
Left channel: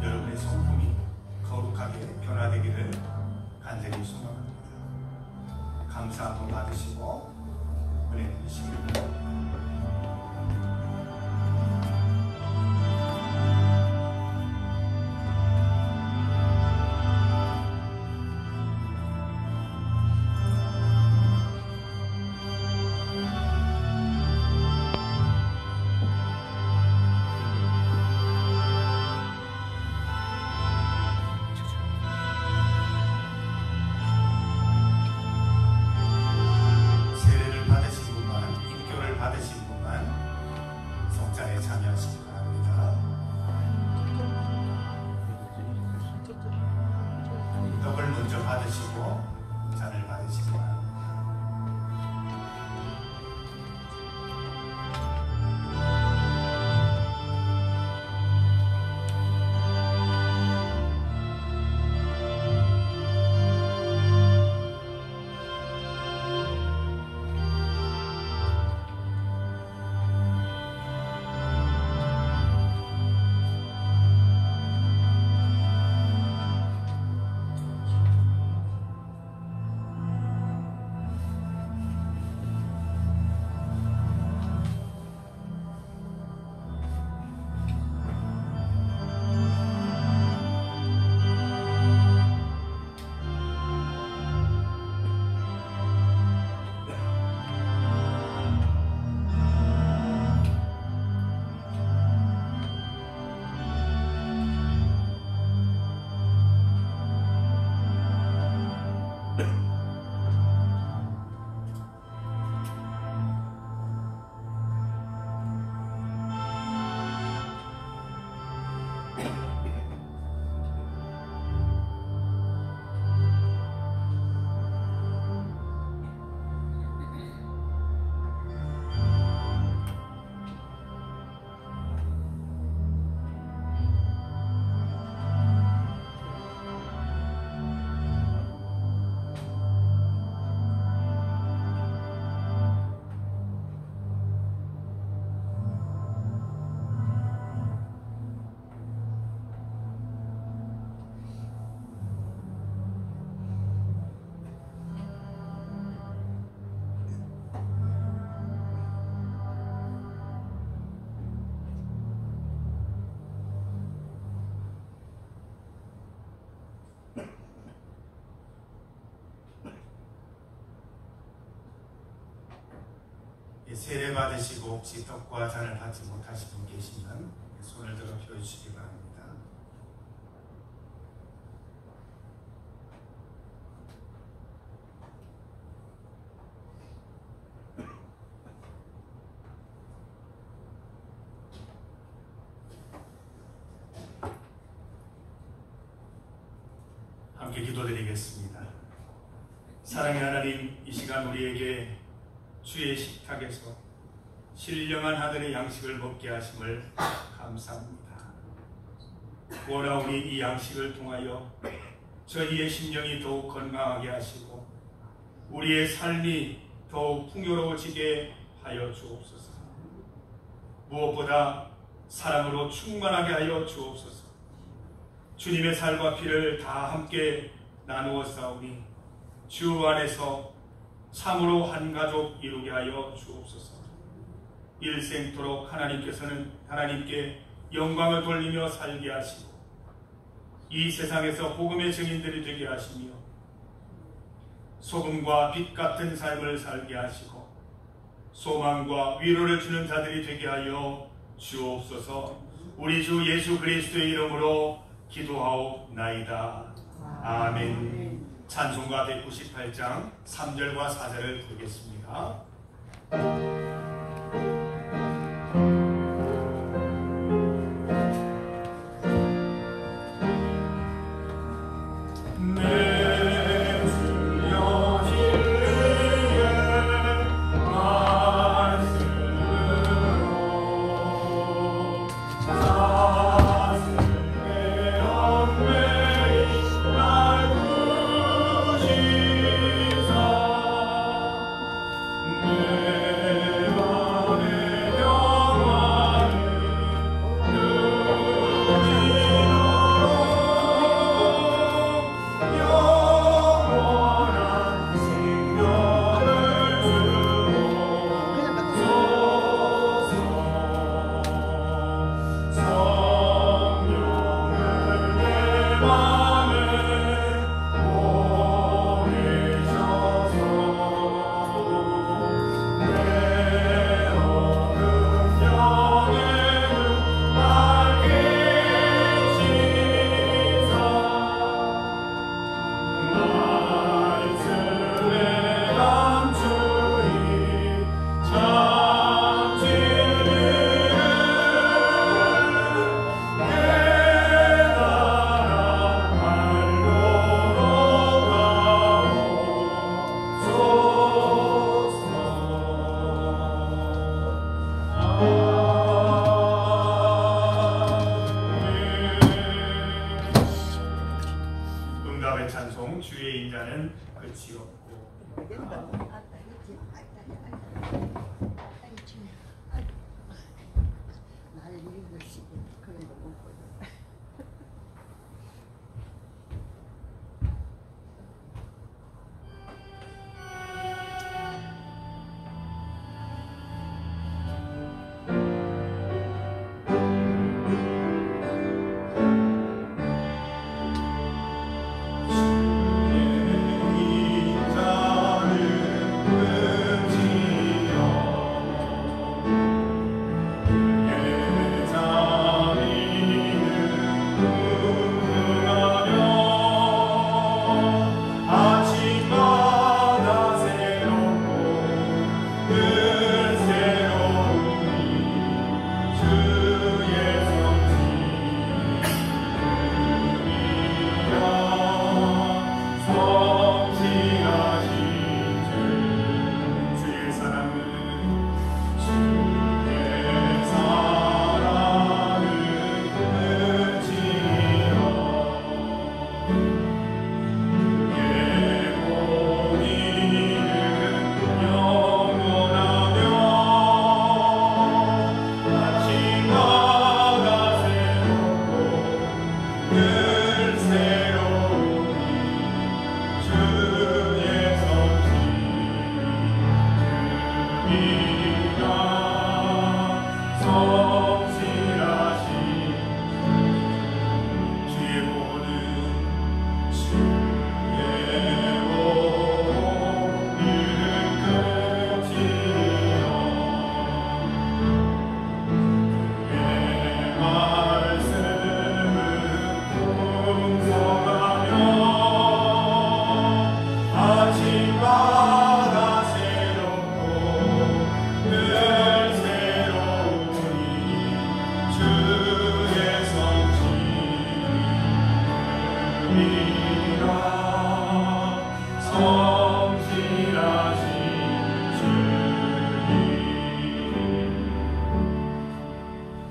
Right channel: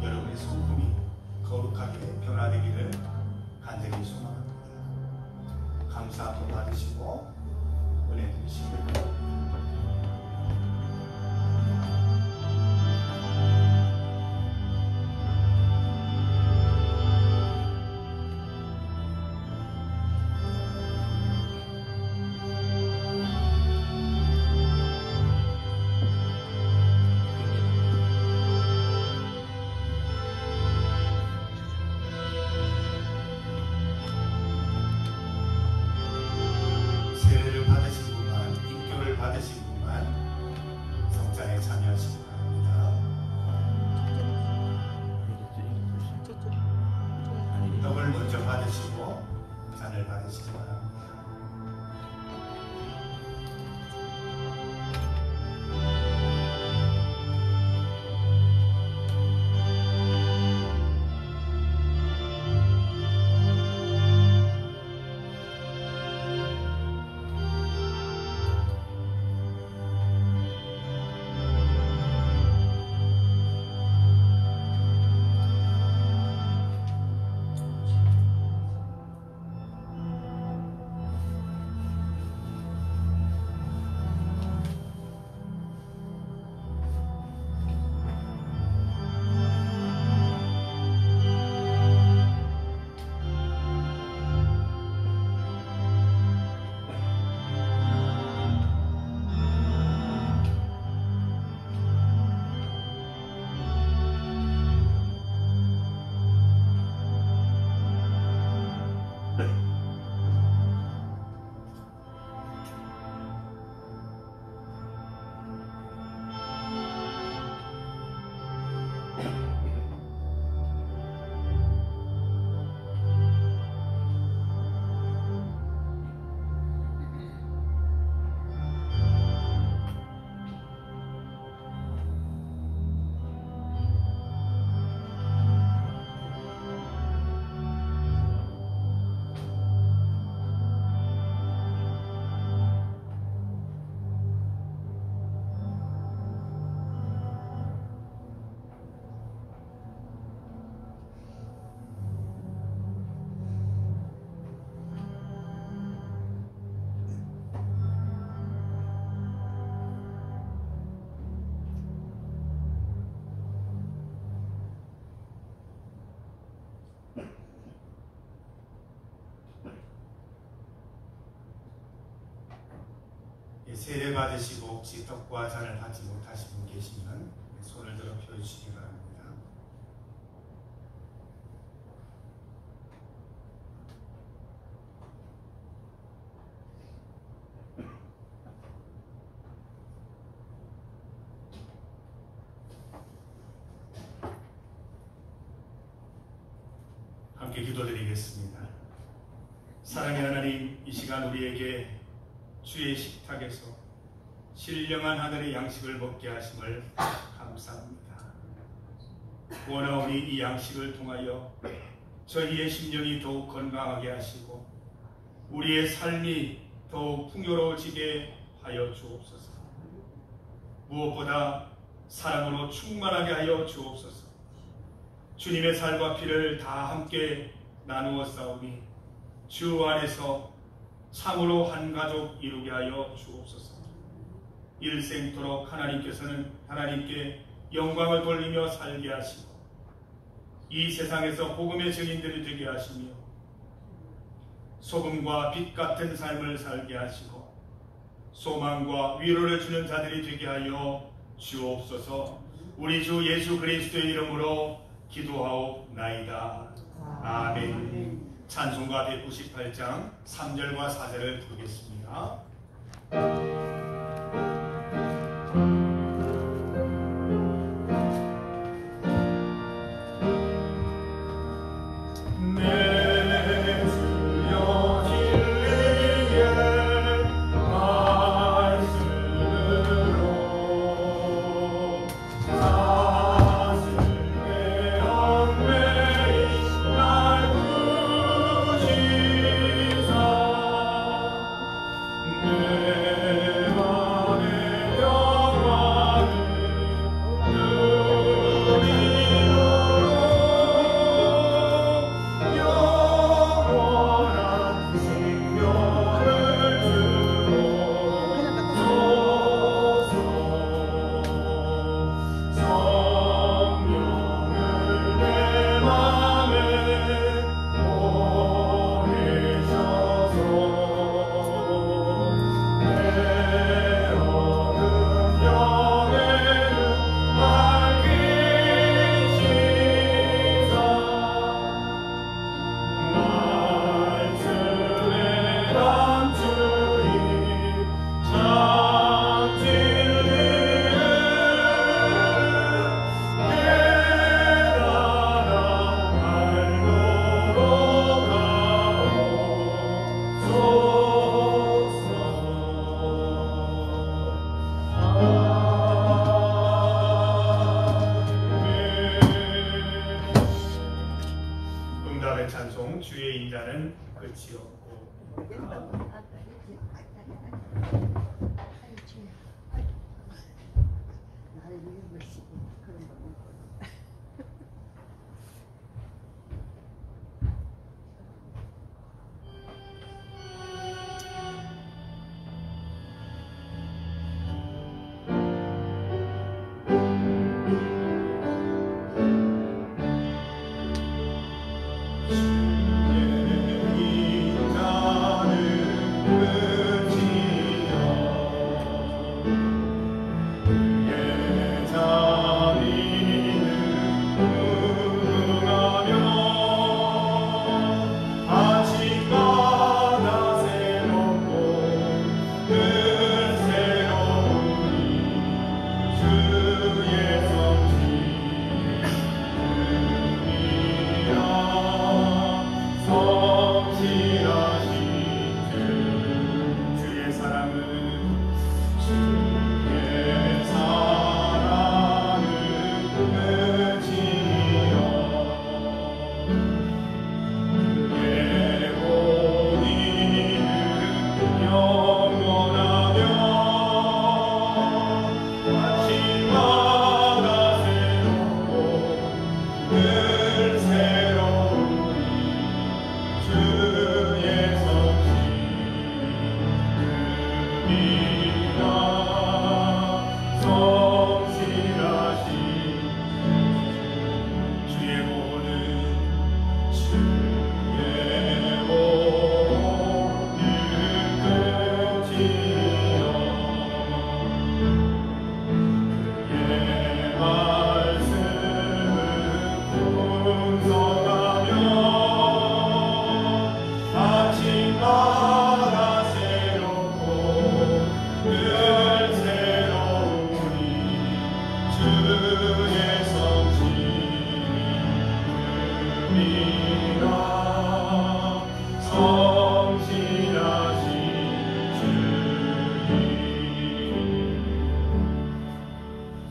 여러분의 성품이 거룩하게 변화되기를 간절히 소망합니다. 감사 한번 받으시고 은혜 드리시기 바랍니다. 세례 받으시고 혹시 떡과 잔을 받지 못하신 분 계시면 손을 들어 펴주시기 바랍니다. 함께 기도드리겠습니다. 사랑의 하나님, 이 시간 우리에게 주의 식탁에서 신령한 하늘의 양식을 먹게 하심을 감사합니다. 원하오니 이 양식을 통하여 저희의 심령이 더욱 건강하게 하시고 우리의 삶이 더욱 풍요로워지게 하여 주옵소서. 무엇보다 사랑으로 충만하게 하여 주옵소서. 주님의 살과 피를 다 함께 나누어 싸우니 주 안에서 참으로 한 가족 이루게 하여 주옵소서. 일생토록 하나님께 영광을 돌리며 살게 하시고 이 세상에서 복음의 증인들이 되게 하시며 소금과 빛 같은 삶을 살게 하시고 소망과 위로를 주는 자들이 되게 하여 주옵소서. 우리 주 예수 그리스도의 이름으로 기도하옵나이다. 아멘. 찬송가 198장 3절과 4절을 부르겠습니다. 내 주의 인자는 끝이 없고.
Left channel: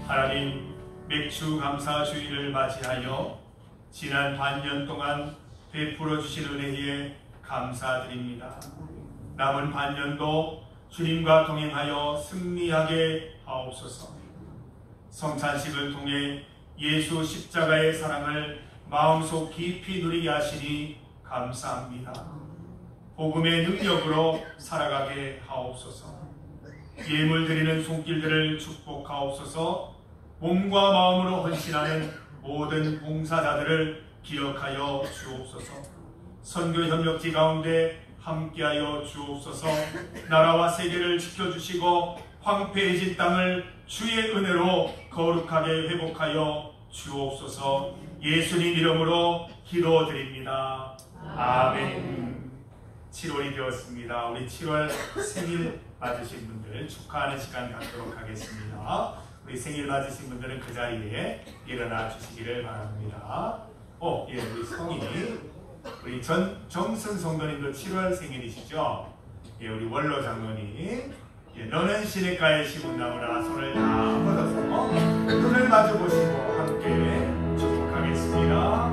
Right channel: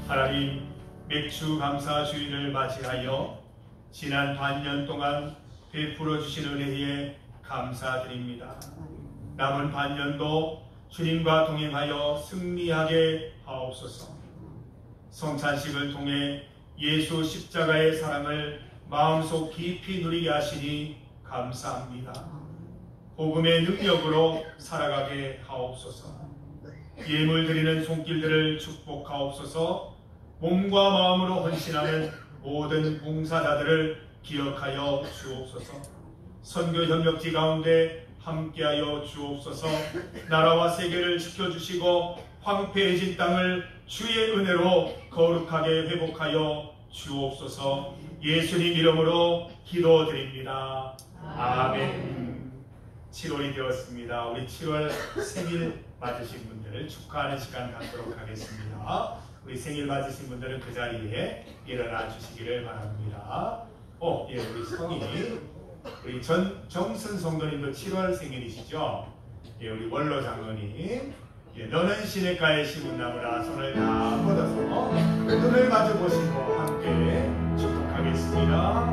하나님, 맥주 감사 주일을 맞이하여 지난 반년 동안 베풀어 주신 은혜에 감사드립니다. 남은 반년도 주님과 동행하여 승리하게 하옵소서. 성찬식을 통해 예수 십자가의 사랑을 마음속 깊이 누리게 하시니 감사합니다. 복음의 능력으로 살아가게 하옵소서. 예물 드리는 손길들을 축복하옵소서. 몸과 마음으로 헌신하는 모든 봉사자들을 기억하여 주옵소서. 선교 협력지 가운데 함께하여 주옵소서. 나라와 세계를 지켜주시고 황폐해진 땅을 주의 은혜로 거룩하게 회복하여 주옵소서. 예수님 이름으로 기도드립니다. 아멘. 7월이 되었습니다. 우리 7월 생일 맞으신 분들 축하하는 시간 갖도록 하겠습니다. 우리 생일 맞으신 분들은 그 자리에 일어나 주시기를 바랍니다. 예, 우리 성이 우리 정승 성도님도 7월 생일이시죠? 예, 우리 원로 장로님, 예, 너는 시냇가에 심은 나무라 손을 다 뻗어서 눈을 마주 보시고 함께 축복하겠습니다.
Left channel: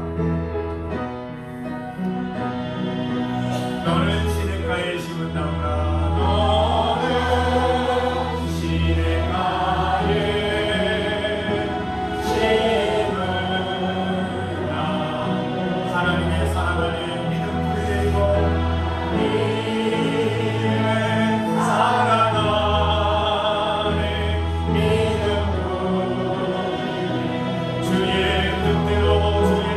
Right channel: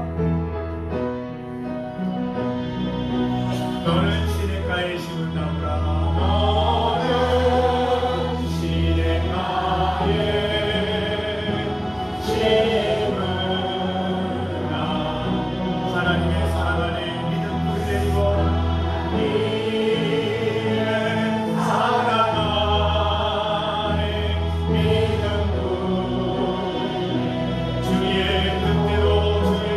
너는 시냇가에 심은 나무라, 너는 시냇가에 심은 나무. 하나님의 사랑 안에 믿음 뿌리 내리고 님의 사랑 안에 믿음 뿌리 주의 뜻대로 주의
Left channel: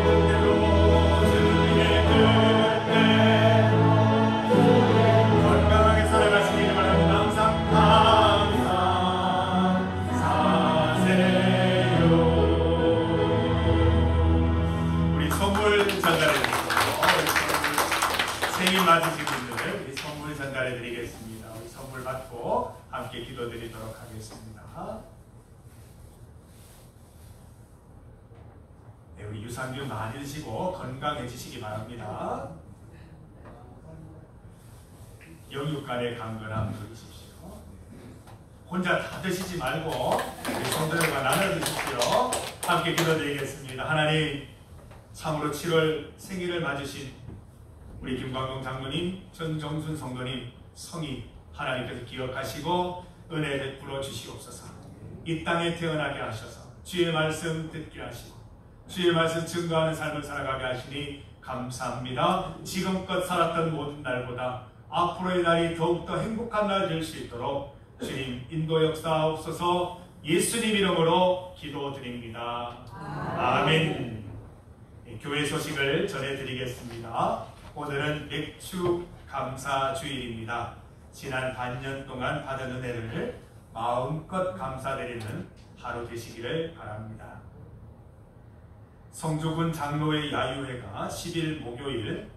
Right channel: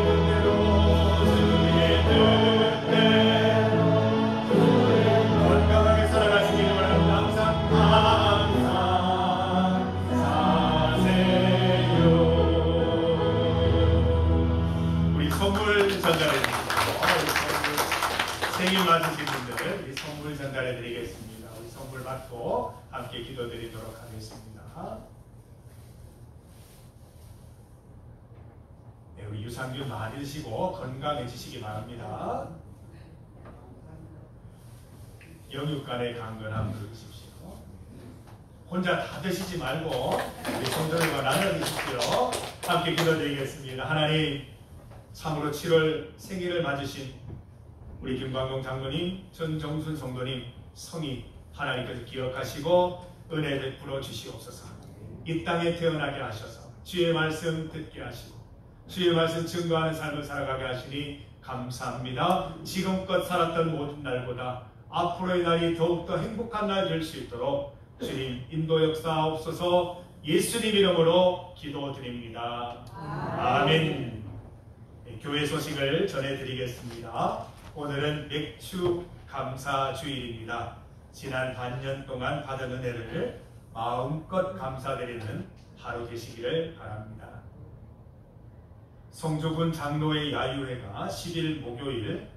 전달해 주시고 생일 맞으신 분들 우리 선물 전달해 드리겠습니다. 우리 선물 받고 함께 기도드리도록 하겠습니다. 네, 우리 유산균 많으시고 건강해지시기 바랍니다. 영육간의 강건함 누리십시오. 혼자 다 드시지 말고 우리 성도들과 나눠 드십시오. 함께 기도드리겠습니다. 하나님, 참으로 7월 생일을 맞으신 우리 김광동 장로님, 전정순 성도님 성이 하나님께서 기억하시고 은혜 베풀어 주시옵소서. 이 땅에 태어나게 하셔서 주의 말씀 듣게 하시고 주의 말씀 증거하는 삶을 살아가게 하시니 감사합니다. 지금껏 살았던 모든 날보다 앞으로의 날이 더욱더 행복한 날 될 수 있도록 주님 인도 역사하옵소서. 예수님 이름으로 기도드립니다. 아멘. 교회 소식을 전해드리겠습니다. 오늘은 맥주 감사 주일입니다. 지난 반년 동안 받은 은혜를 마음껏 감사드리는 하루 되시기를 바랍니다. 성주군 장로회 야유회가 10일 목요일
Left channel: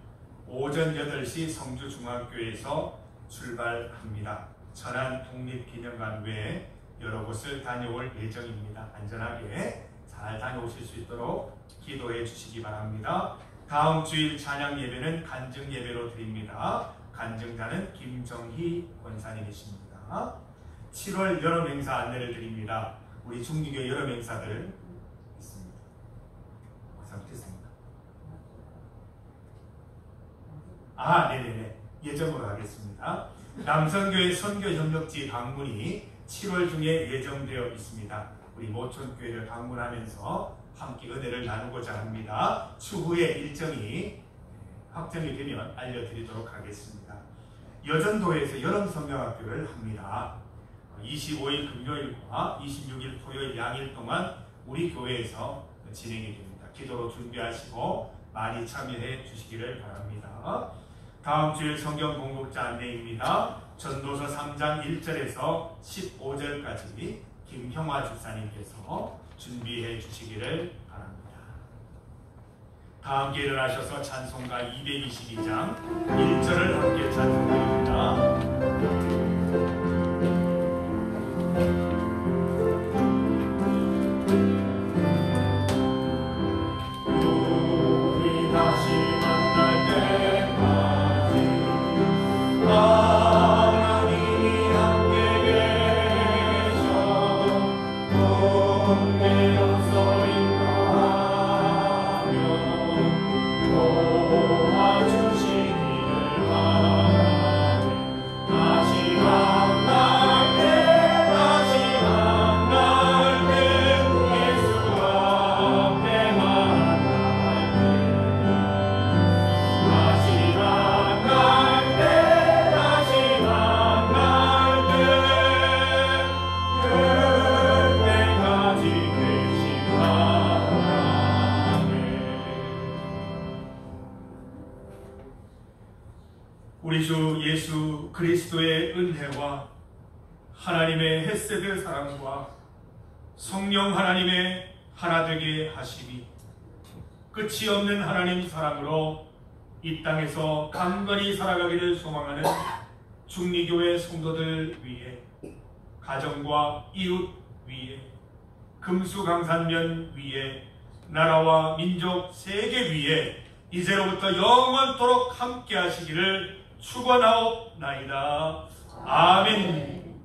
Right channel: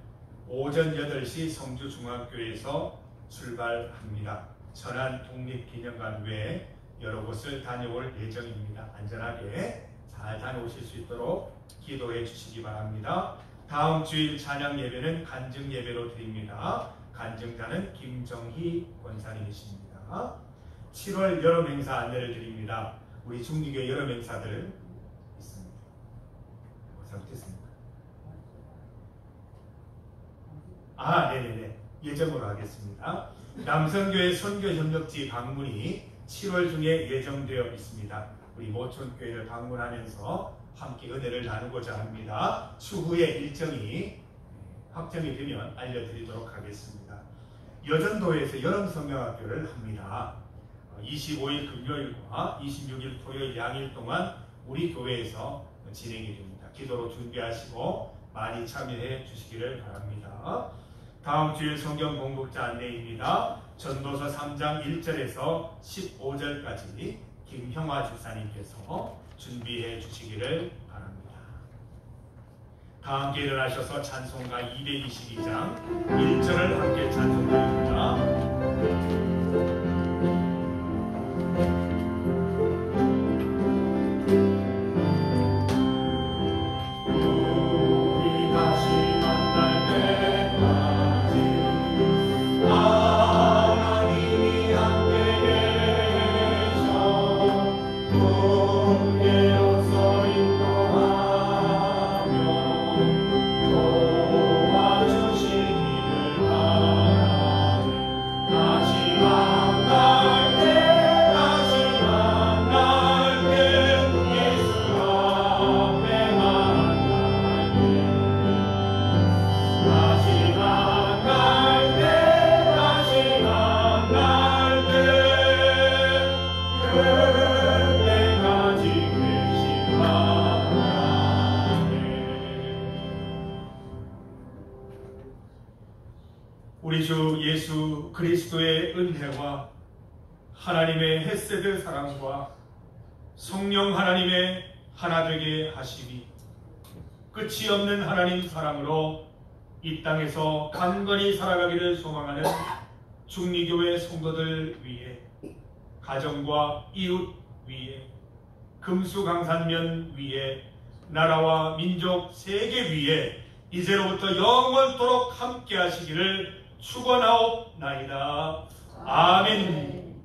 오전 8시 성주중앙교회에서 출발합니다. 천안 독립기념관 외에 여러 곳을 다녀올 예정입니다. 안전하게 잘 다녀오실 수 있도록 기도해 주시기 바랍니다. 다음 주일 찬양 예배는 간증 예배로 드립니다. 간증자는 김정희 권사님이십니다. 7월 여름 행사 안내를 드립니다. 우리 중리교회 여름 행사들 있습니다. 못했습니다. 네네네. 예정으로 하겠습니다. 남성교회 선교협력지 방문이 7월 중에 예정되어 있습니다. 우리 모촌교회를 방문하면서 함께 은혜를 나누고자 합니다. 추후에 일정이 확정이 되면 알려드리도록 하겠습니다. 여전도에서 여름 성경학교를 합니다. 25일 금요일과 26일 토요일 양일 동안 우리 교회에서 진행이 됩니다. 기도로 준비하시고 많이 참여해 주시기를 바랍니다. 다음 주일 성경 공독자 안내입니다. 전도서 3장 1절에서 15절까지 김형화 집사님께서 준비해 주시기를 바랍니다. 다 함께 일어나셔서 찬송가 222장 1절을 함께 찬송드립니다. 우리 주 예수 그리스도의 은혜와 하나님의 헤세드 사랑과 성령 하나님의 하나되게 하심이 끝이 없는 하나님 사랑으로 이 땅에서 강건히 살아가기를 소망하는 중리교회 성도들 위해, 가정과 이웃 위에, 금수강산면 위에, 나라와 민족 세계 위에 이제로부터 영원토록 함께 하시기를 축원하옵나이다. 아멘.